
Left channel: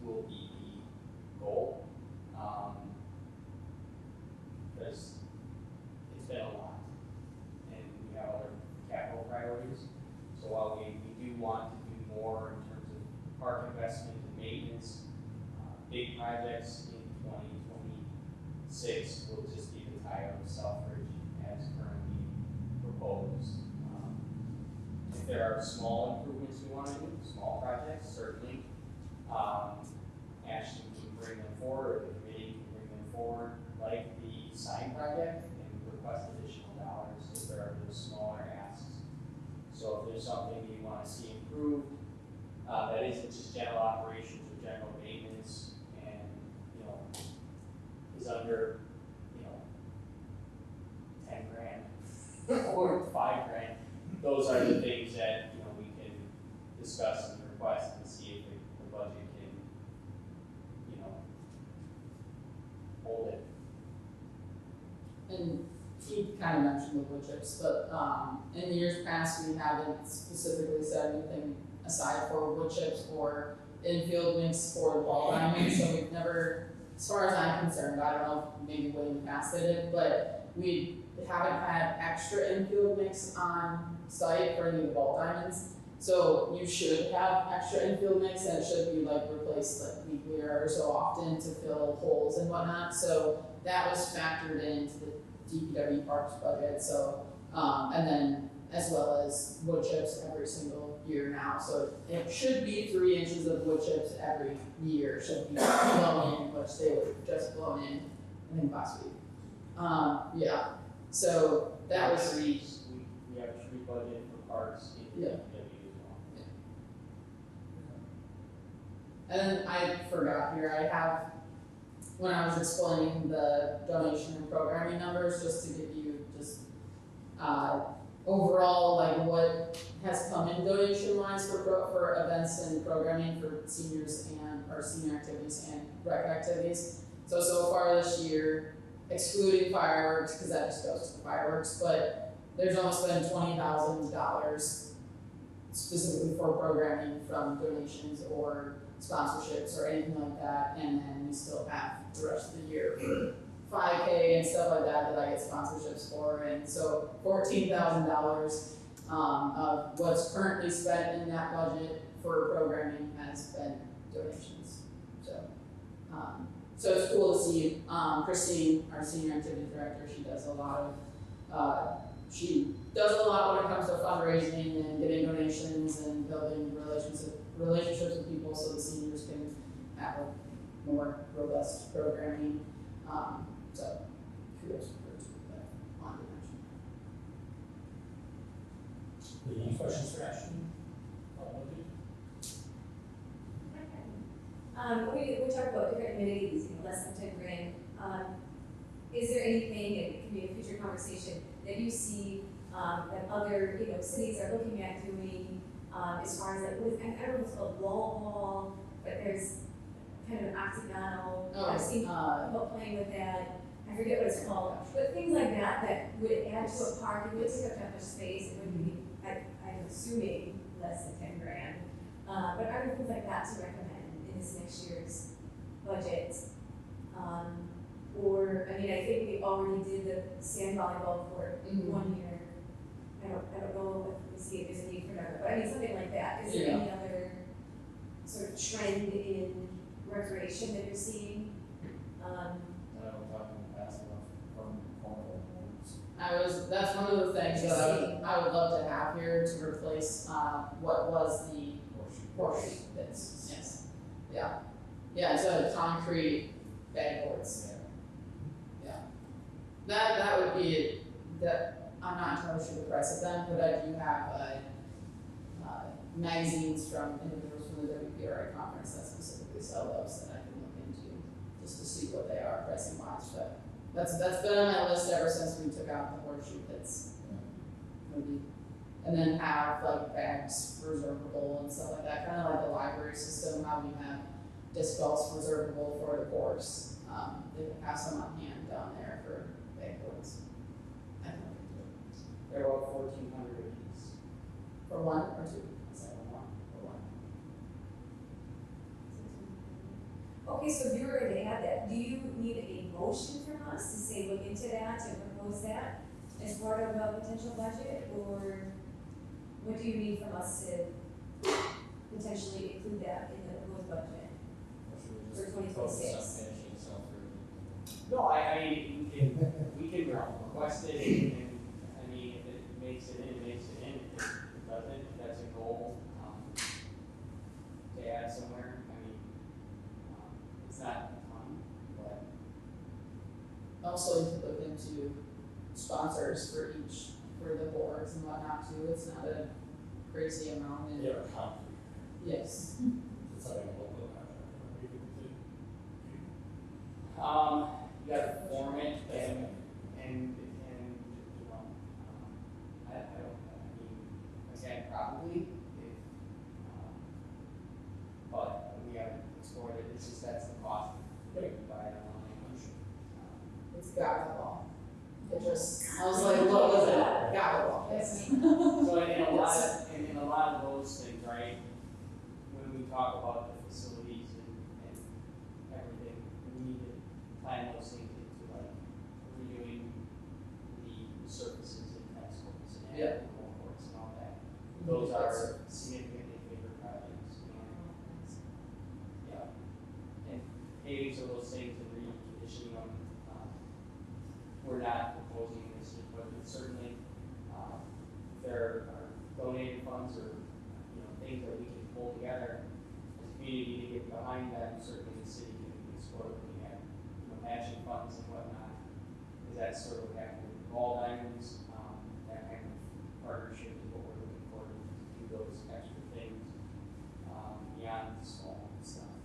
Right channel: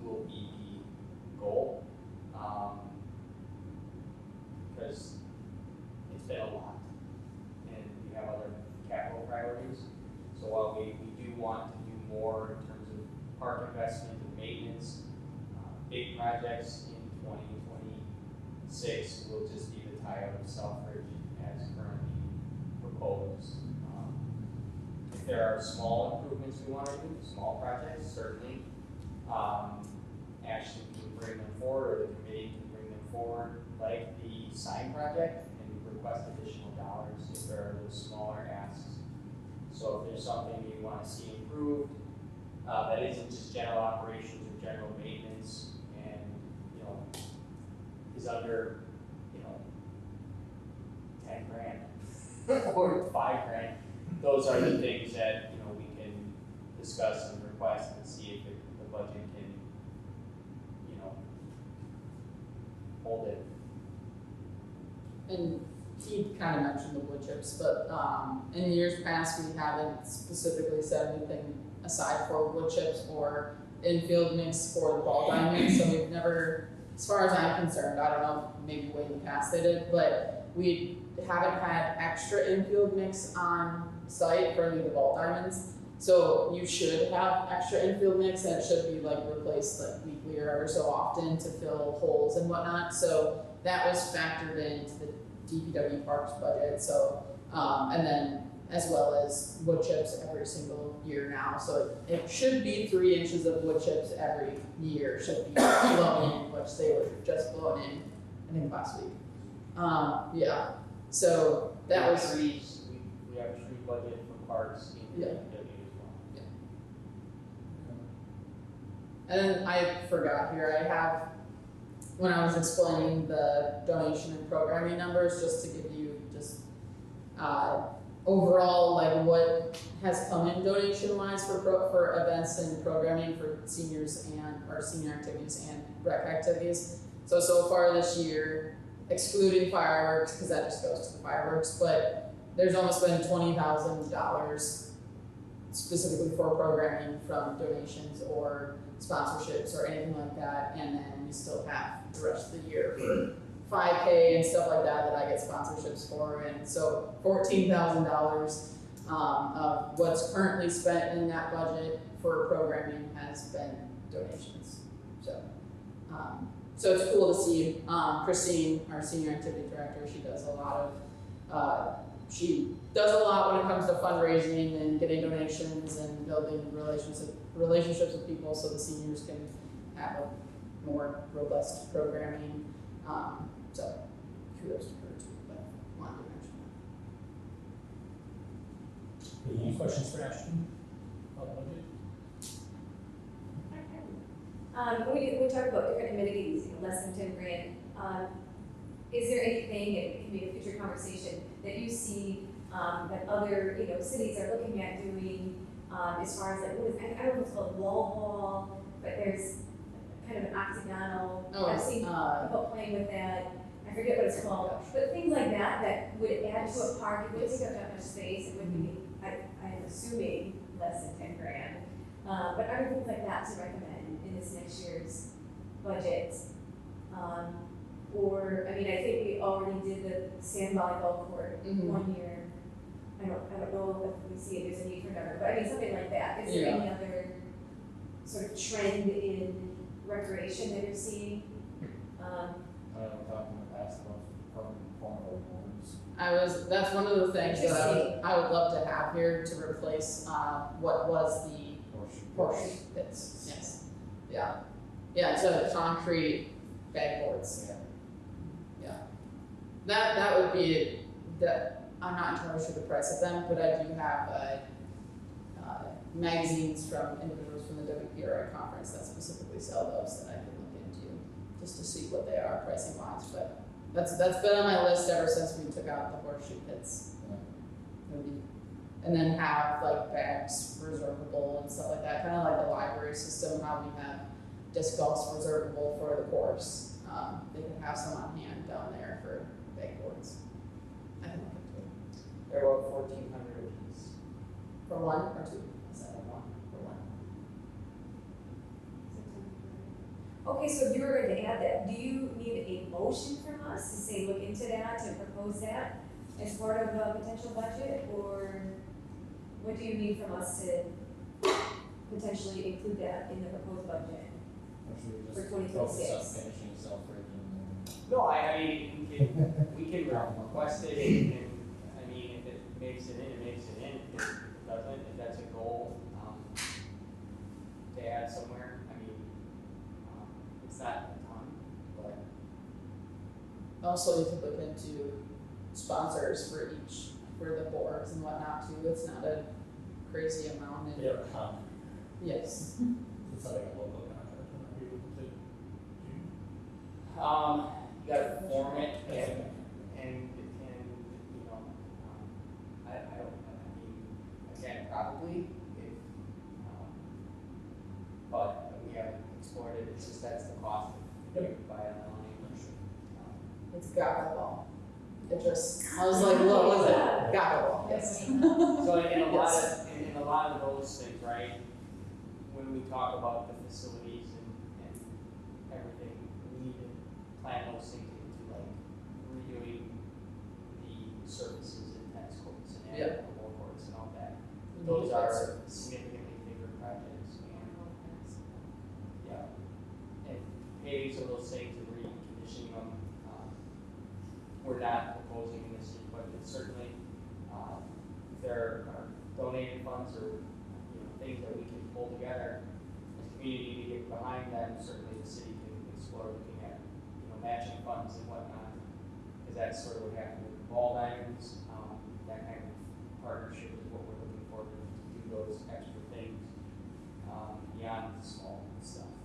will be the goal. Because it's been a lot and we have other capital priorities. So while we do want to do more in terms of park investment and maintenance, big projects in 2026 will just be the tie-up of Southbridge as currently proposed. If there are small improvements we want to do, small projects, certainly, Ashton can bring them forward, or the committee can bring them forward, like the sign project, and request additional dollars if there are those smaller asks. So if there's something you want to see improved, that isn't just general operations or general maintenance, and, is under, 10 grand, or 5 grand, those are the things that, we can discuss and request and see if the budget can, hold it. And he kind of mentioned the wood chips, but in years past, we haven't specifically set anything aside for wood chips or infield links for the ball diamonds, so we've never, as far as I'm concerned, I don't know, maybe way in the past they did, but we haven't had extra infield mix on site for any of the ball diamonds. So you should have extra infield mix, and it should be replaced weekly or so often to fill holes and whatnot. So that was factored into the DPW parks budget. So and then as well as wood chips every single year now. So it should be 3 inches of wood chips every year. Should be blown in, which they were just blown in, I think last week. Yeah. So that was trees. We have tree budget for parks in Yeah. DPW. And I forgot here, I have, when I was explaining the donation and programming numbers, just to give you just overall, like what has come in donation wise for events and programming for seniors and our senior activities and rec activities. So far this year, excluding fireworks, because that just goes to fireworks, but there's almost been $20,000 specifically for programming from donations or sponsorships or anything like that, and then we still have the rest of the year for 5K and stuff like that I get sponsorships for, and so $14,000 of what's currently spent in that budget for programming has been donations. So it's cool to see Christine, our senior activity director, she does a lot when it comes to fundraising and getting donations and building relationships with people so the seniors can have a more robust programming. So kudos to her too, but on direction. Any questions for Ashley? We talk about different amenities, less than 10 grand. Is there anything, it can be a future conversation, that you see that other, cities are looking at doing as far as like, I don't know if it's called wall ball, but there's kind of an octagonal, I've seen people playing with that. I forget what it's called, but things like that would add to a park, it would take up that much space, it would be, I'm assuming, less than 10 grand. But are there things like that to recommend in this next year's budget? I think we already did the sand volleyball court one year. I don't know if we see if there's a need for another, but something like that. Is there any other sort of trend in recreation that you're seeing? I know we're talking in the past about permanent corner rooms. That's one of the things that I would love to have here to replace, what was the horseshoe pits. Yes. Yeah, instead of concrete backboards. That would be I'm not entirely sure the price of them, but I do have magazines from individuals from the WPRI conference that specifically sell those that I can look into just to see what they are pricing wise. But that's been on my list ever since we took out the horseshoe pits. And then have like bags reservable and stuff like that, kind of like the library system, how we have disc golfs reservable for the course. They can have some on hand down there for backboards. They're about 1,400 a piece. For one or two? Okay, so if you were going to add that, do you need a motion from us to say look into that, to propose that as part of a potential budget, or what do you need from us to potentially include that in the proposed budget? For 2026. No, I mean, we can request it, and, if it makes it in, it makes it in. If it doesn't, if that's a goal, to add somewhere, it's not a ton, but. Also, you can look into sponsors for the boards and whatnot too. It's not a crazy amount. They are concrete. Yes. It's something a local contractor might be able to do. You gotta form it, That's okay. and I can probably, but we haven't explored it, it's just that's the cost. Yeah. It's a gobble. I was like, what was it? Gobble. Yes. So in a lot of those things, right, when we talk about the facilities and everything, we need to plan those things into like redoing the services in high schools and Yeah. the boards and all that. Those are significantly bigger projects. Yeah. And maybe some of those things and reconditioning them, we're not proposing in this year's budget, certainly. There are donated funds or, things that we can pull together as a community to get behind them, certainly the city can support what we have, matching funds and whatnot. Because that's sort of what happened with ball diamonds, that kind of partnership is what we're looking for to do those extra things, beyond the small stuff.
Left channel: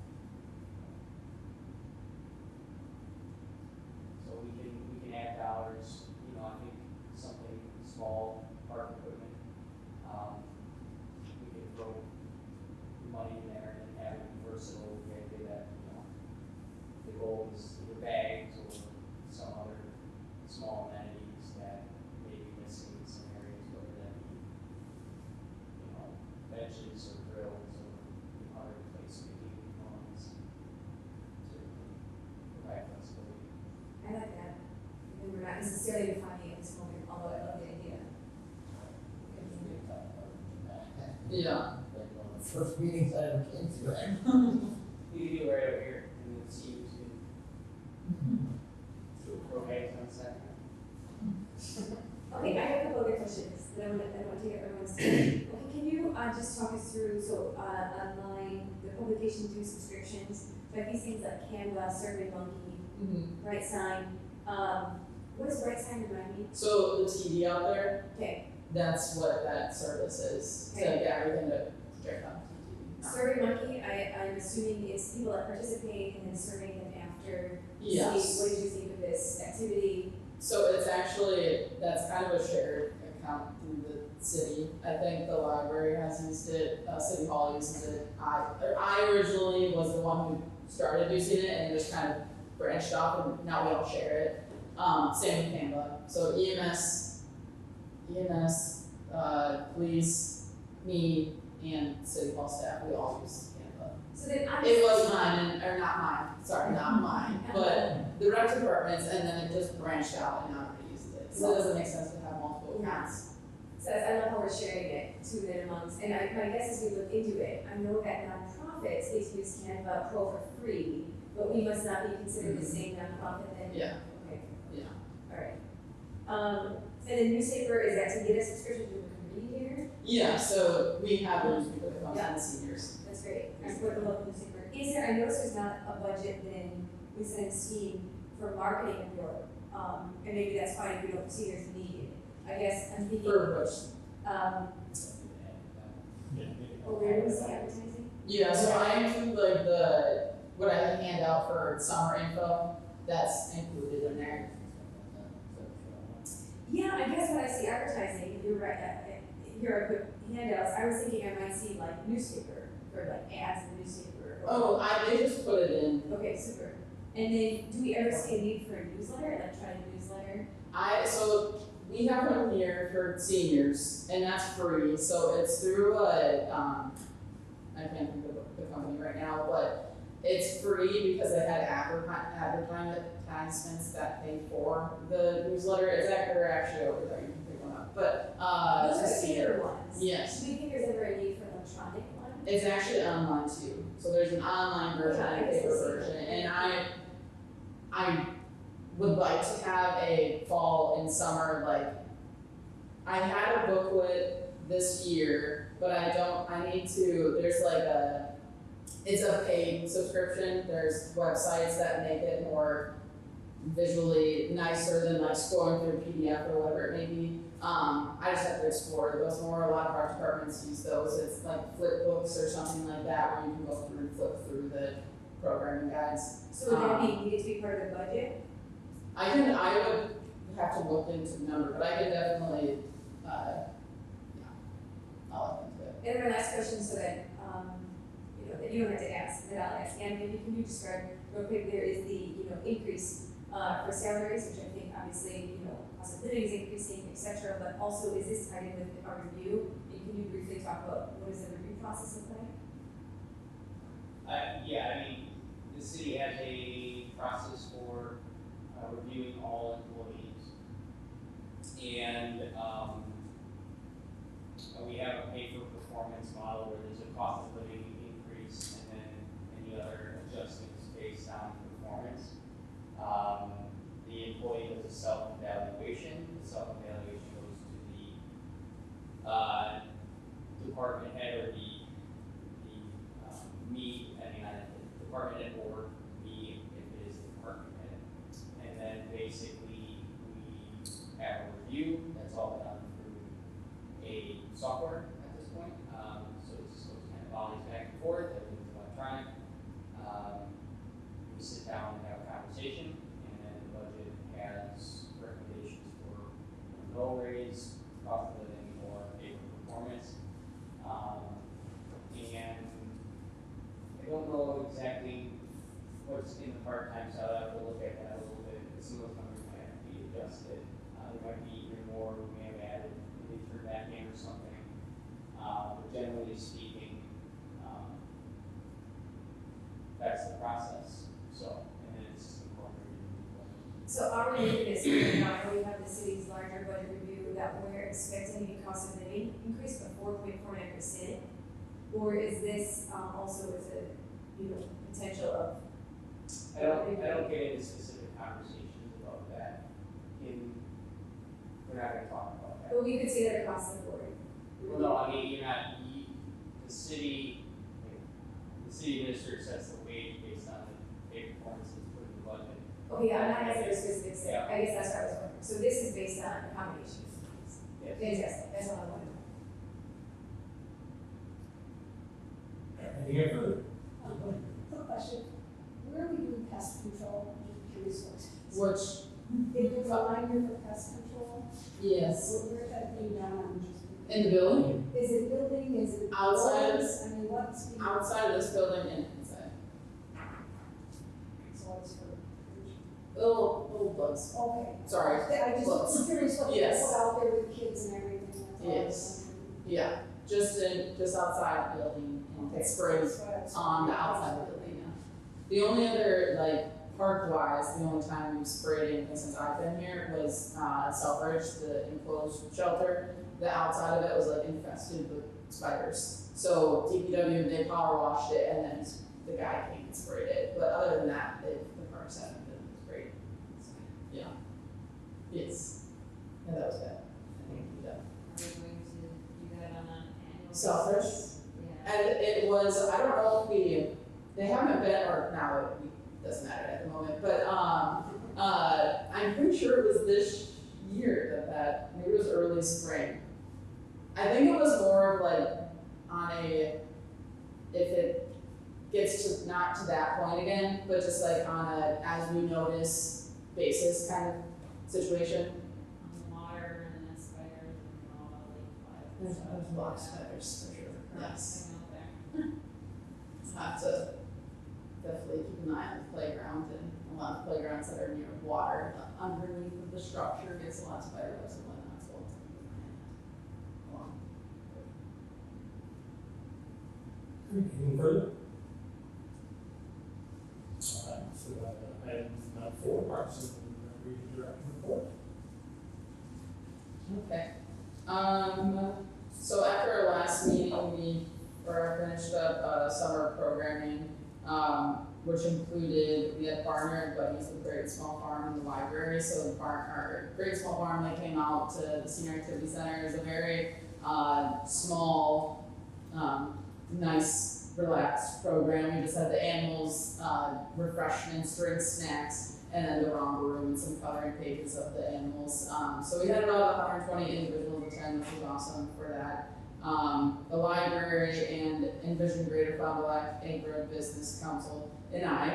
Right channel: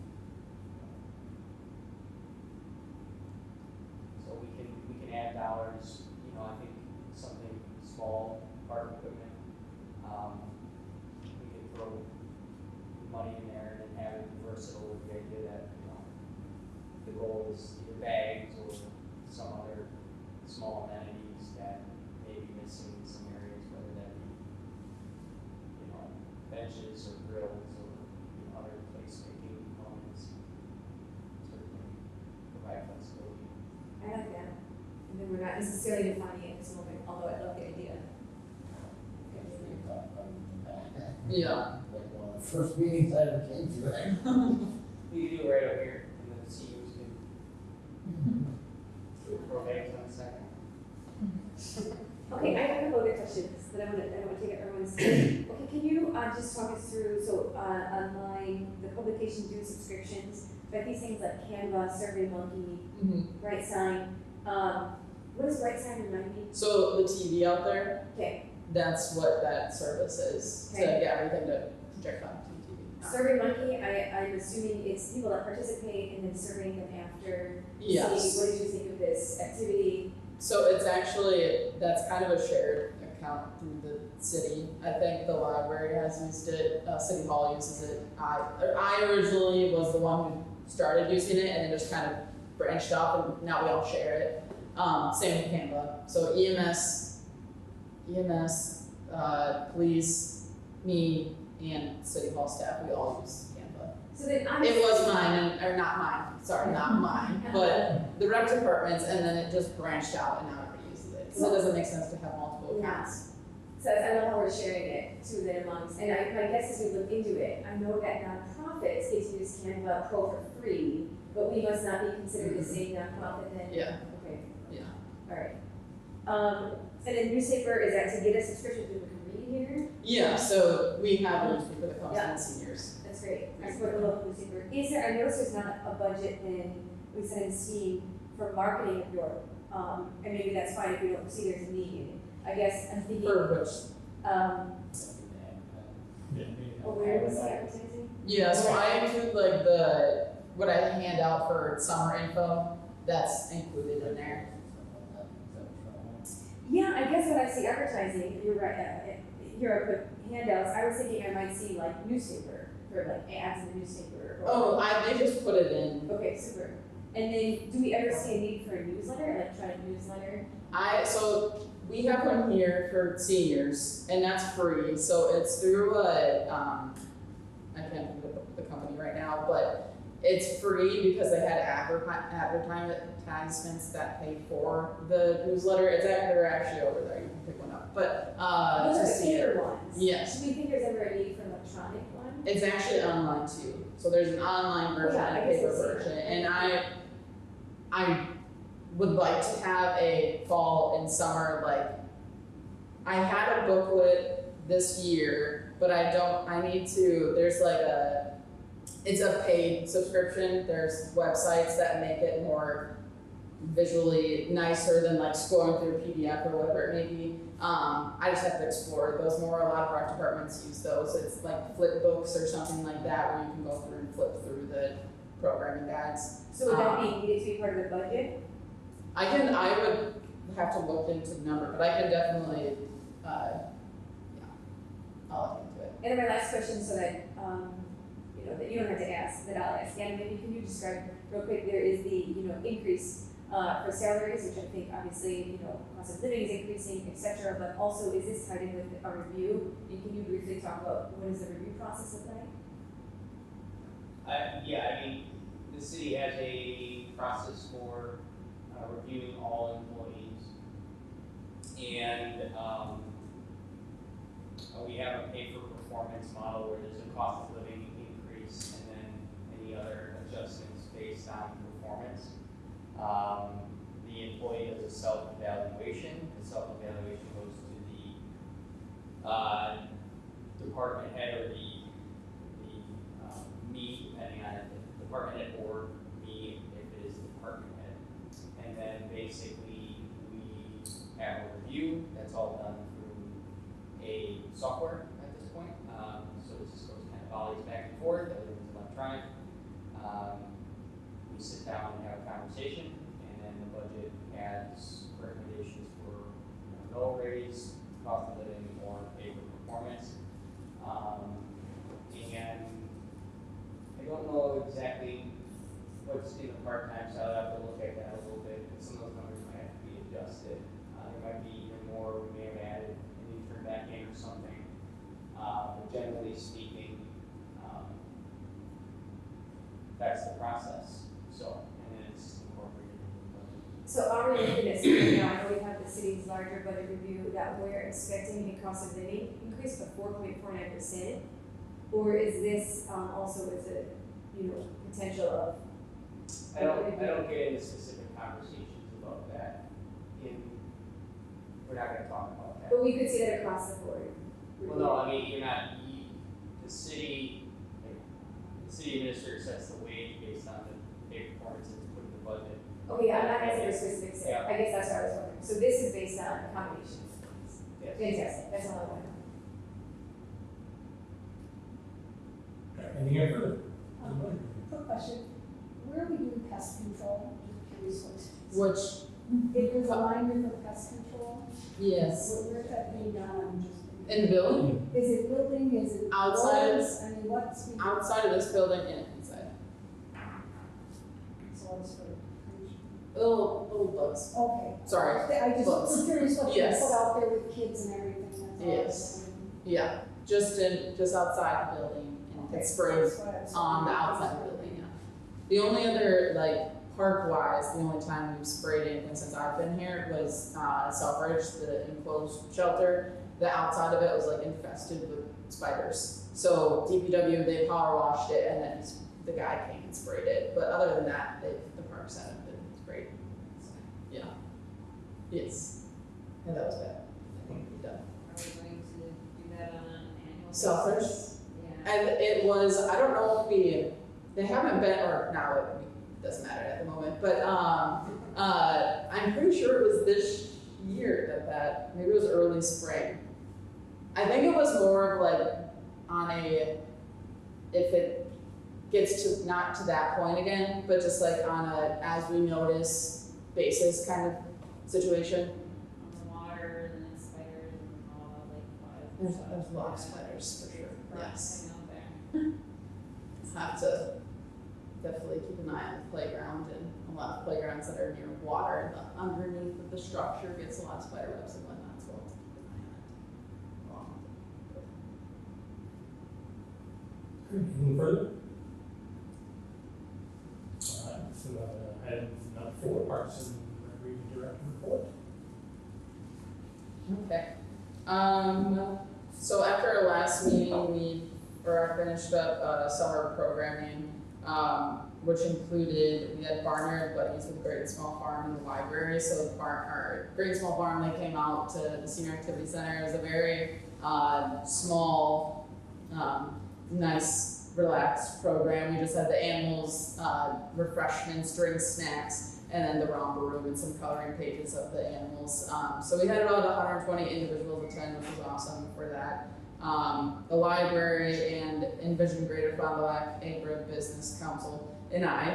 So we can add dollars, I think something small, part necessarily defining it at this moment, although I love the idea. Yeah. Like one of the first meetings I ever came to, right? You can do it right over here, and then see who's who. Okay, one second. Okay, I have a couple other questions that I want to take everyone's time. Okay, can you, just talk us through, so, online, the publication through subscriptions, but these things like Canva, SurveyMonkey, Right Sign, what does Right Sign remind me? So the TV out there, Okay, that's what that service is, to Okay. get everything to project on TV. SurveyMonkey, I'm assuming it's people that participate and then surveying them after. Yes. See, what did you think of this activity? So it's actually, that's kind of a shared account through the city. I think the library has used it, City Hall uses it. I originally was the one who started using it and just kind of branched off, and now we all share it. Same with Canva. So EMS, police, me, and City Hall staff, we all use Canva. So then I'm. It was mine, or not mine, sorry, not mine, but the rec departments, and then it just branched out and now everybody uses it. So it doesn't make sense to have multiple accounts. So I look forward to sharing it to them amongst, and I guess as we look into it, I know that nonprofits get to use Canva Pro for free, but we must not be considered the same nonprofit then? Yeah. Okay, Yeah. alright. And then newspaper, is that to get a subscription to the reader? Yeah, so we have a newspaper that comes in the seniors. That's great, I support the local newspaper. Is there, I noticed there's not a budget then we send Steam for marketing of your, and maybe that's fine if we don't see there's a need. I guess I'm thinking, For which? where was the opportunity? Yeah, so I include like what I hand out for summer info, that's included in there. Yeah, I guess when I see advertising, you're right, here are the handouts, I was thinking I might see like newspaper, or like ads in the newspaper. or- Oh, they just put it in. Okay, super. And then, do we ever see a need for a newsletter, electronic newsletter? So we have one here for seniors, and that's free, so it's through I can't think of the company right now, but it's free because they had advertisements that pay for the newsletter. They're actually over there, you can pick one up, but, Those are to see it. paper ones. Yes, Do we think there's ever a need for an electronic one? it's actually online too, so there's an online version Yeah, I and a guess paper it's- version, and I would like to have a fall and summer, like, I had a booklet this year, but I need to, there's like it's a paid subscription, there's websites that make it more visually nicer than like scrolling through a PDF or whatever it may be. I just have to explore those more, a lot of our departments use those, it's like flip books or something like that, where you can go through and flip through the programming guides. So would that be, needed to be part of the budget? I would have to look into the number, but I could definitely, I'll look into it. And my last question, so that, that you don't have to ask, that I'll ask, and maybe can you describe real quick, there is the, increase, for salaries, which I think obviously, cost of living is increasing, et cetera, but also is this tied in with our review? And can you briefly talk about what is the review process of that? The city has a process for reviewing all employees. And we have a pay for performance model where there's a cost of living increase and then any other adjustments based on performance. The employee does a self-evaluation. The self-evaluation goes to the department head or the me, depending on the department head, or me if it is the department head. And then basically we have a review. That's all done through a software at this point. So it just goes kind of volleys back and forth. Everything's electronic. We sit down and have a conversation, and then the budget has recommendations for no raise, cost of living, or pay for performance. And I don't know exactly what's in the part-time, so I'll have to look at that a little bit. Some of those numbers might have to be adjusted. There might be even more we have added, maybe through that name or something. But generally speaking, that's the process. So, and then it's incorporated. So are we doing this, I know we have the also is a, potential of. I don't get into specific conversations about that we're not gonna talk about that. But we could say that across the board. Well, no, I mean, the city administrator sets the wage based on the performance that's put in the budget. Okay, yeah, I'm not asking for specifics, Yeah. I guess that's what I was wondering, so this is based on accommodation fees. Yes. Fantastic, that's all I wanted. Anything further? Quick question, where are we doing pest control? I'm curious Which, It was alignment for pest control, yes, so where's that being done, I'm just. in the building, Is it building, is it? Outside of walls? I mean, what's? outside of this building and inside. So it's for, Little bugs. okay. Sorry. I just Bugs. was curious what you Yes. put out there with the kids and everything. That's all I was Yes. wondering. Yeah, just outside the building, Okay. it sprays That's what I was on the wondering. outside of the building, yeah. The only other, like, park-wise, the only time we've sprayed anything since I've been here was, Selfridge, the enclosed shelter. The outside of it was like infested with spiders. So DPW, they power washed it and then the guy came and sprayed it. But other than that, the parks haven't been sprayed. Yeah. Yes. Yeah, that was bad. Yeah. Are we going to do that on an annual? Selfridge? basis? Yeah. And it was, I don't know if they haven't been, or now it doesn't matter at the moment, but I'm pretty sure it was this year that maybe it was early spring. I think it was more of like on a, if it gets to not to that point again, but just like on a as we notice basis kind of situation. On the water and the spiders and all the lake There's flies. a lot of spiders for sure. Yes. Okay. Have to definitely keep an eye on the playground, and a lot of playgrounds that are near water, but underneath the structure gets a lot of spider webs and whatnot, so. Anything further? So we have item number 4, Parks and Recreation Director report. Okay. So after our last meeting, we finished up summer programming, which included, we had partnered buddies with Great Small Farm and the library. So our Great Small Farm, they came out to the Senior Activity Center. It was a very small, nice, relaxed program. We just had the animals, refreshments, drinks, snacks, and then the romper room and some coloring pages of the animals. So we had about 120 individuals attend, which was awesome for that. The library and Envision Greater Fond du Lac Acre Business Council and I,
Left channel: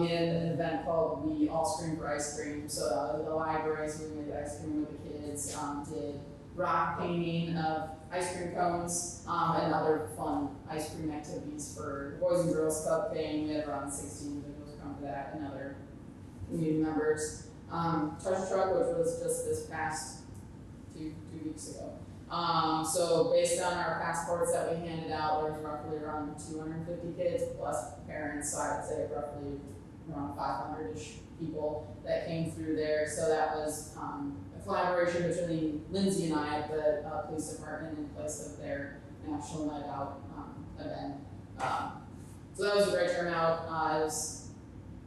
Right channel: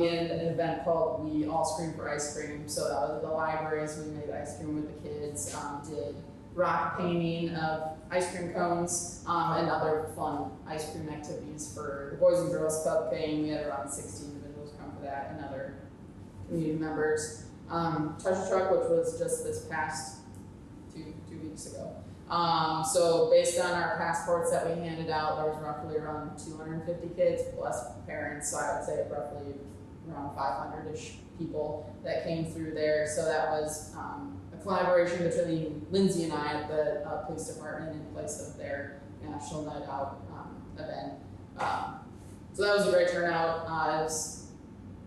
we had an event called We All Scream for Ice Cream. So that was the library, so we made ice cream with the kids, did rock painting of ice cream cones, and other fun ice cream activities for the Boys and Girls Club thing. We had around 16 individuals come to that, and other community members. Touch Truck, which was just this past two weeks ago. So based on our passports that we handed out, there was roughly around 250 kids plus parents, so I would say roughly around 500-ish people that came through there. So that was a collaboration between Lindsay and I, the police department, in place of their National Night Out event. So that was a great turnout. It was,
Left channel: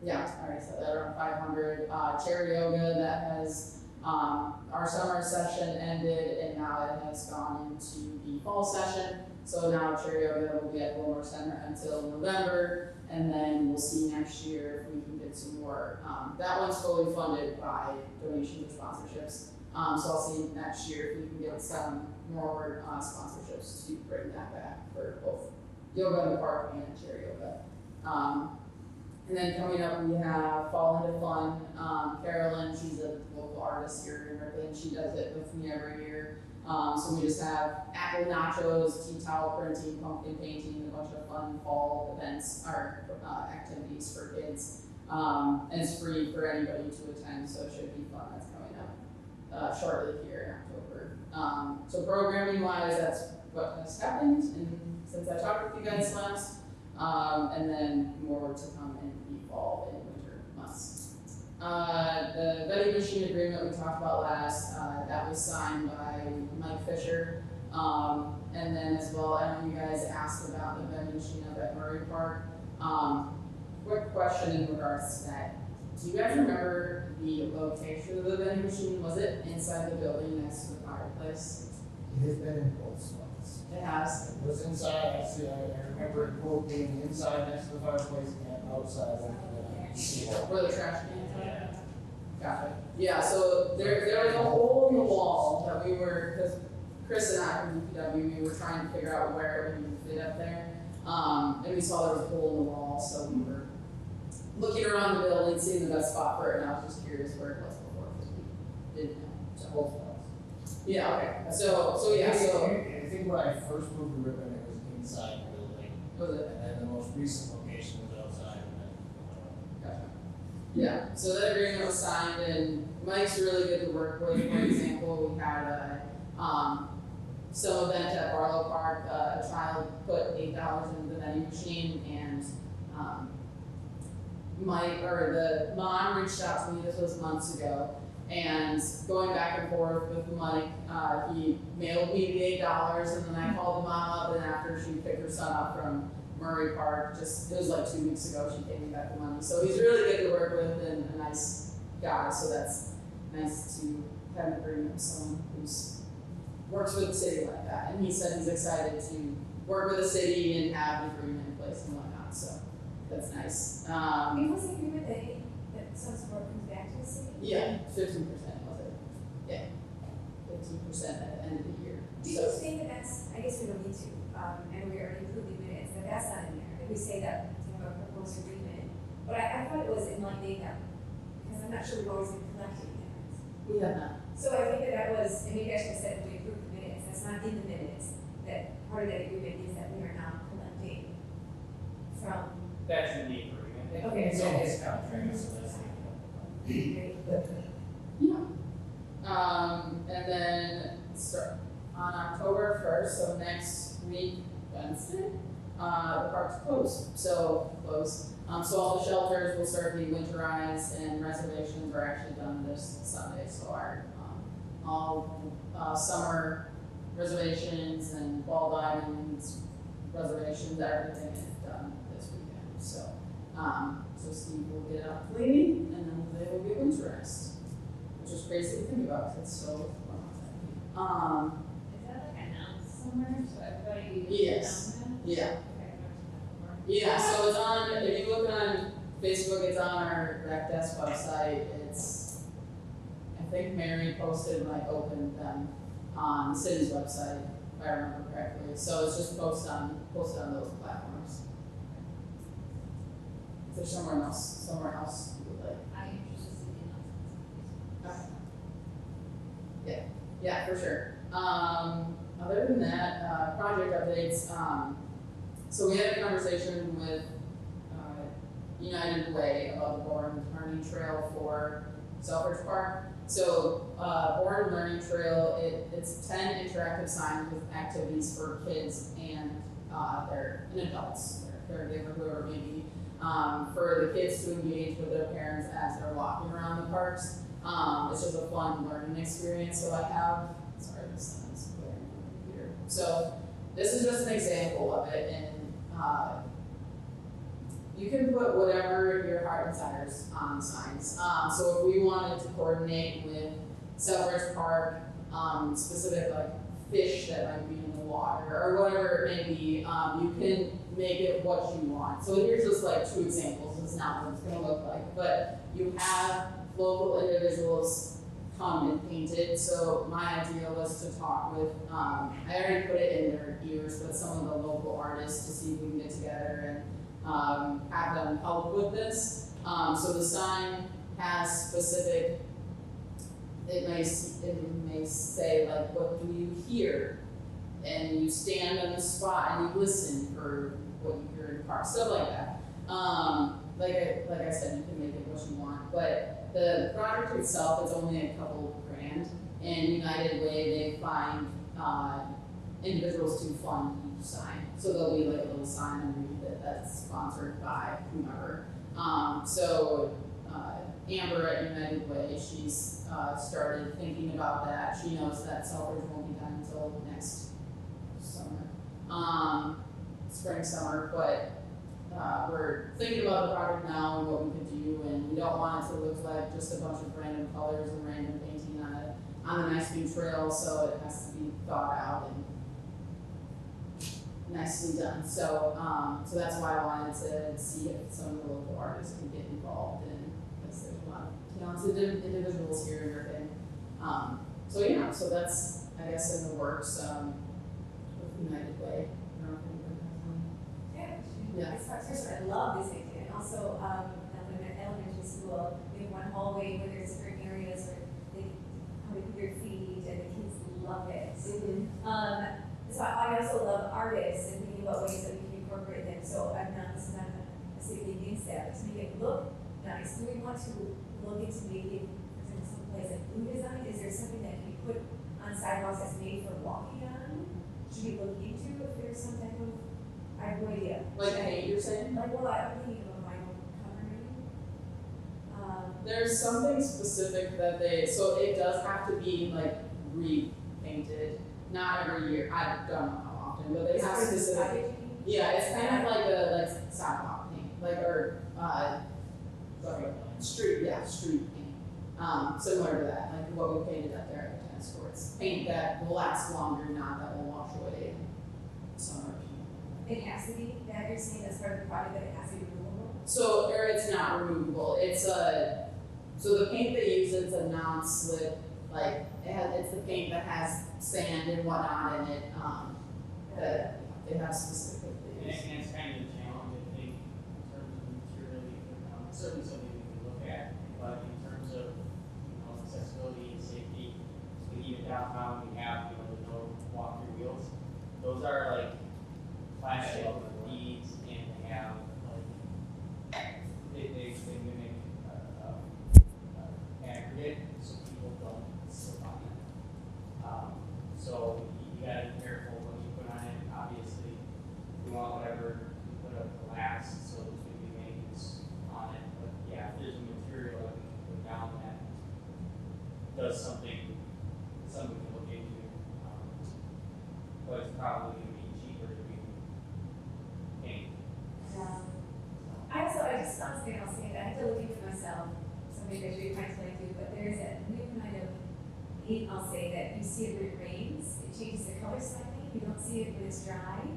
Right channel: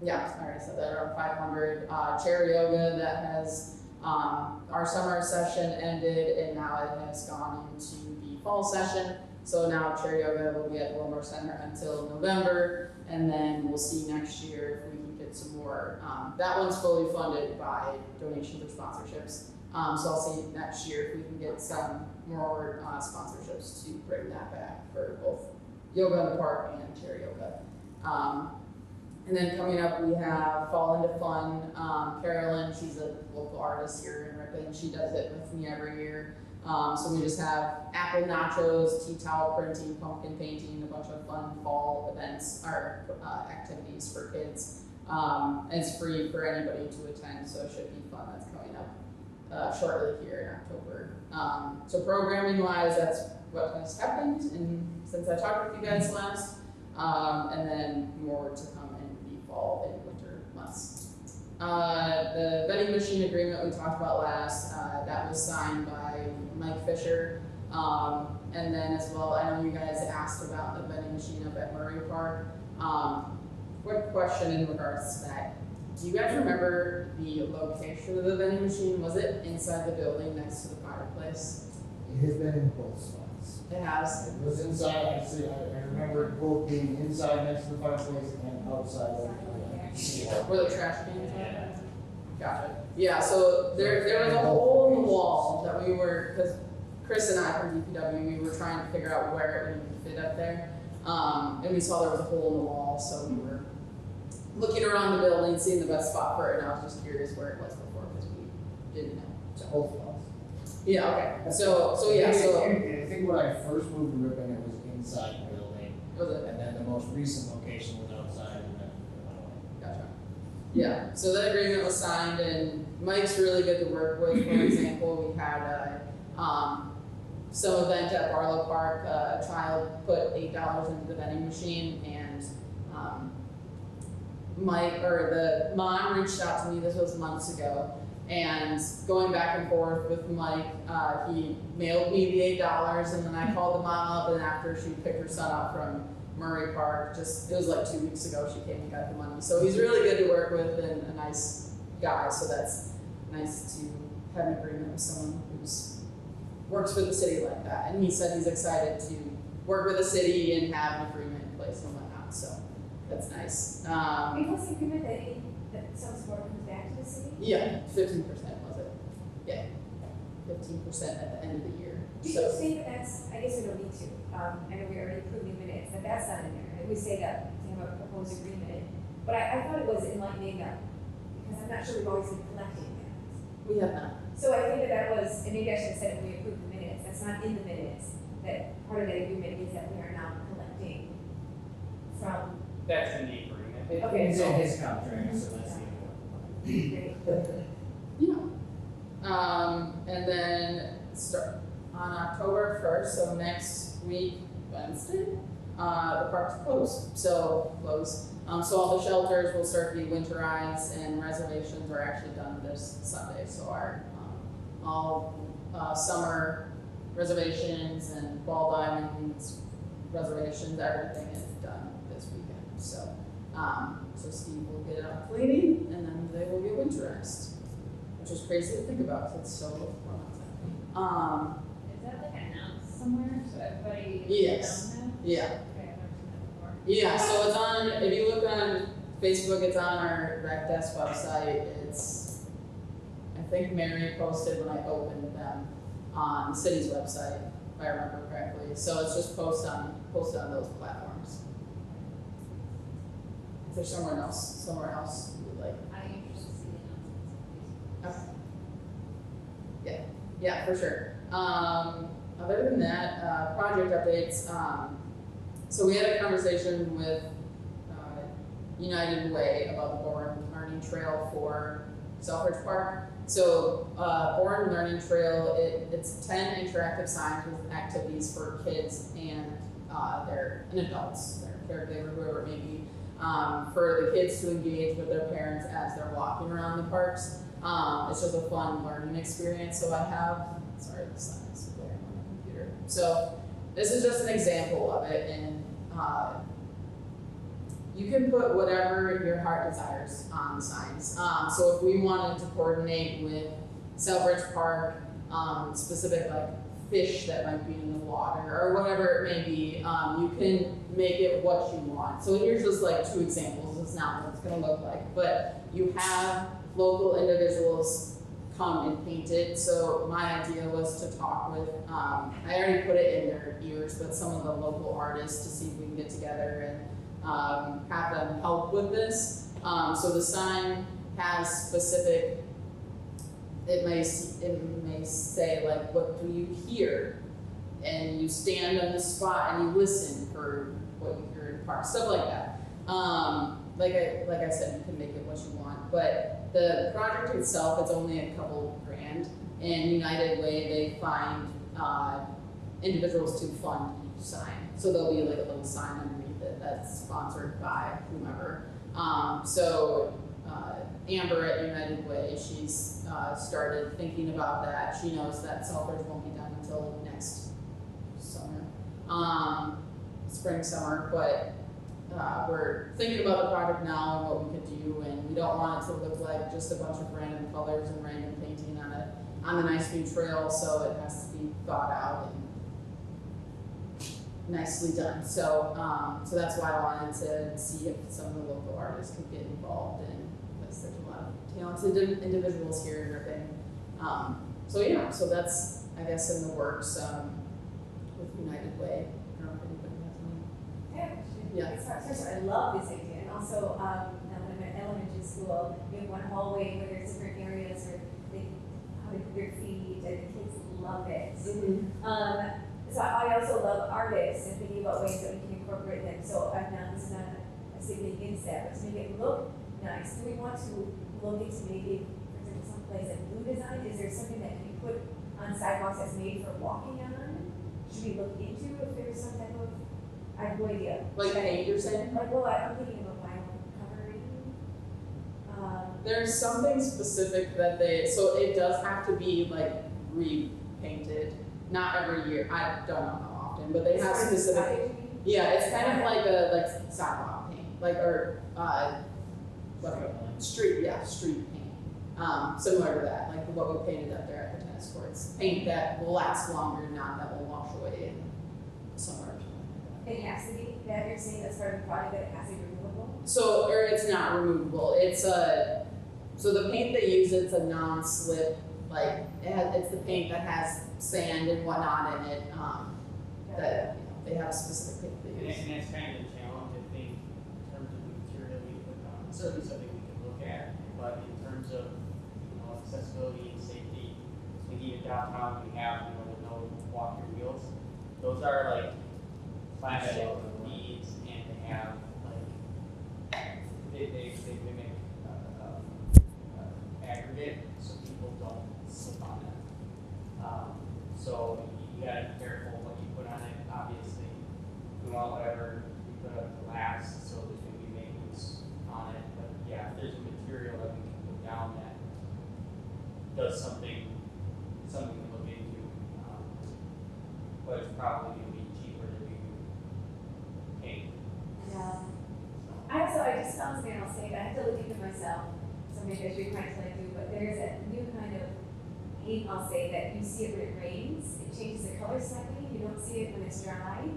yeah, I said that, around 500. Chair yoga that has our summer session ended, and now it has gone into the fall session. So now chair yoga will be at Wilmore Center until November, and then we'll see next year if we can get some more. That one's fully funded by donations or sponsorships. So I'll see next year if we can get some more sponsorships to bring that back for both yoga in the park and chair yoga. And then coming up, we have Fall Into Fun. Carolyn, she's a local artist here in Ripon. She does it with me every year. So we just have apple nachos, tea towel printing, pumpkin painting, a bunch of fun fall events or activities for kids. And it's free for anybody to attend, so it should be fun. That's coming up shortly here in October. So programming wise, that's what has happened since I talked with you guys last. And then more to come in the fall and winter months. The vending machine agreement we talked about last, that was signed by Mike Fisher. And and then as well, I know you guys asked about the vending machine up at Murray Park. Quick question in regards to that. Do you guys remember the location of the vending machine? Was it inside the building next to the fireplace? It has been in both spots. It has. It was inside, actually, I remember it both being inside next to the fireplace and outside. Where the trash cans are? Got it. Yeah, so there was a hole in the wall that we were, because Chris and I from DPW, we were trying to figure out where we could fit up there. And we saw there was a hole in the wall, so we were looking around the building, seeing the best spot for it, and I was just curious where it was before, because we didn't know. Both spots. Yeah, okay, so yeah, so, I think when I first moved to Ripon, it was inside the building, was it? and then the most recent location was outside, and then, Yeah, so that agreement was signed, and Mike's really good to work with. For example, we had some event at Barlow Park, a child put $8 into the vending machine, and Mike, or the mom reached out to me, this was months ago, and going back and forth with Mike, he mailed me the $8, and then I called the mom up, and after she picked her son up from Murray Park, it was like 2 weeks ago, she came and got the money. So he's really good to work with and a nice guy, so that's nice to have an agreement with someone who's works with the city like that. And he said he's excited to work with the city and have an agreement in place and whatnot, so that's nice. It was agreement that some sort of comes back to the city? Yeah, 15% was it? Yeah, 15% at the end of the year. Do you say that that's, I guess we don't need to, and we already approved the minutes, that that's not in there, and we say that we have a proposed agreement. But I thought it was in line that, because I'm not sure we've always been collecting that. We have that. So I think that was, and maybe I should have said that we approved the minutes, that's not in the minutes, that part of that agreement is that we are now collecting from. That's in the agreement. Okay. It's in his contract, so that's the. Yeah. And then start on October 1st, so next week, Wednesday, the park's closed, so closed. So all the shelters will start to be winterized and reservations are actually done this Sunday, so our, all, summer reservations and ball diamonds, reservations, everything is done this weekend, so. So Steve will get it up cleaning, and then they will get winterized, which is crazy to think about, 'cause it's so Is that like announced somewhere so everybody? Yes. knows? Yeah. Okay. Yeah, so it's on, if you look on Facebook, it's on our Rec Desk website, it's, I think Mary posted when I opened them on the city's website, if I remember correctly, so it's just posted on those platforms. If there's somewhere else, like, I'm interested in announcements. yeah, for sure. Other than that, project updates, so we had a conversation with, United Way about the Bourne Learning Trail for Selfridge Park. So, Bourne Learning Trail, it's 10 interactive signs with activities for kids and, and adults, their caregiver, whoever it may be, for the kids to engage with their parents as they're walking around the parks. It's just a fun learning experience. So I have, sorry, the signs here. So this is just an example of it, and you can put whatever your heart desires on the signs. So if we wanted to coordinate with Selfridge Park, specific like fish that might be in the water or whatever it may be, you can make it what you want. So here's just like 2 examples. It's not what it's gonna look like, but you have local individuals come and paint it. So my idea was to talk with, I already put it in their ears, but some of the local artists to see if we can get together and have them help with this. So the sign has specific, it may say like, what do you hear? And you stand on the spot and you listen for what you hear in the park, stuff like that. Like I said, you can make it what you want, but the project itself, it's only a couple grand. And United Way, they find individuals to fund each sign. So there'll be like a little sign underneath it that's sponsored by whomever. Amber at United Way, she's started thinking about that. She knows that Selfridge won't be done until next summer, spring, summer, but we're thinking about the project now and what we could do, and we don't want it to look like just a bunch of random colors and random painting on a nice new trail, so it has to be thought out and nicely done. So that's why I wanted to see if some of the local artists can get involved in, because there's a lot of talented individuals here and everything. So that's, I guess, in the works, with United Way. I don't know if you've done Yeah, I love this idea, and also, in an elementary school, we have one hallway where there's different areas where they come and put their feet, and the kids love it. So I also love artists and thinking about ways that we can incorporate them, so I'm not, it's not a city against that, but to make it look nice, do we want to look into maybe, is there some place like blue design, is there something that we put on sidewalks that's made for walking on? Should we look into if there's some type of, I have no idea. Like an Anderson? Like, well, I'm thinking of a vinyl covering. There's something specific that so it does have to be like repainted, not every year, I don't know how often, but they have specific. Yeah, it's kind of like a sidewalk paint, street paint, similar to that, like what we painted up there at the tennis courts. Paint that will last longer, not that will wash away in summer. It has to be, that you're saying that's part of the project, that it has to be removable? So, or it's not removable, it's so the paint they use, it's a non-slip, like, it's the paint that has sand and whatnot in it, that they have specific. And it's kind of a challenge, I think, in terms of the material, certainly something we can look at, but in terms of accessibility and safety, we even downtown, we have, the no walk your wheels. Those are like flat beads, and they have like, they mimic aggregate, so people don't slip on it. So you gotta be careful what you put on it, obviously. We don't ever put up glass, so there's maybe maintenance on it, but yeah, if there's a material that we can put down that does something we can look into. But it's probably gonna be cheaper to be paint. Yeah. I just found something else, I have to look into myself, so maybe I should kind of like do, but there's a new kind of paint, I'll say, that you see it when it rains, it changes the color slightly, you don't see it when it's dry.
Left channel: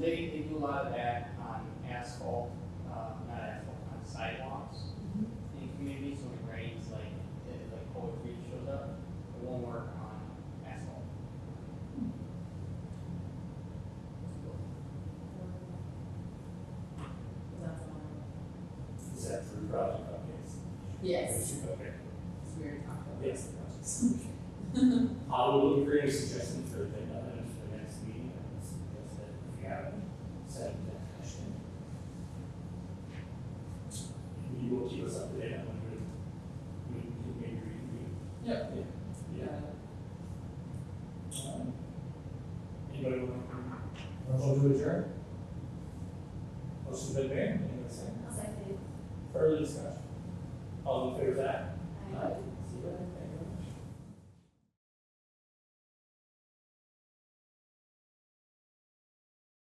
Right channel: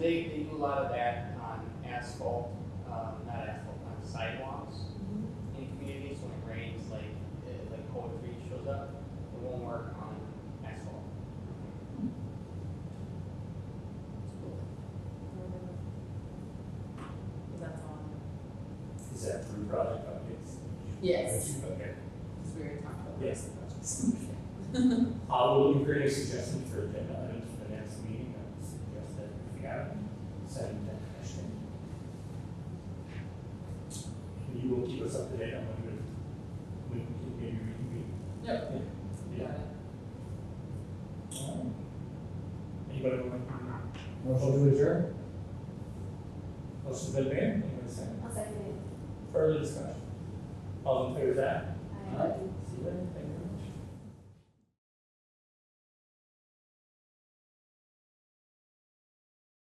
They do a lot of that on asphalt, not asphalt, on sidewalks. In communities, when it rains, like poetry shows up, it won't work on asphalt. That's all. Is that through project updates? Yes. Okay. It's weird. Yes. We're looking for any suggestions for agenda items for the next meeting. I would suggest that if you have any, send them to Ashton. You will keep us up to date on when we can maybe reconvene. Yep. Yeah. Anybody want to? Motion to adjourn? Motion to adjourn? Anybody say? I'll second it. Further discussion? All in favor of that?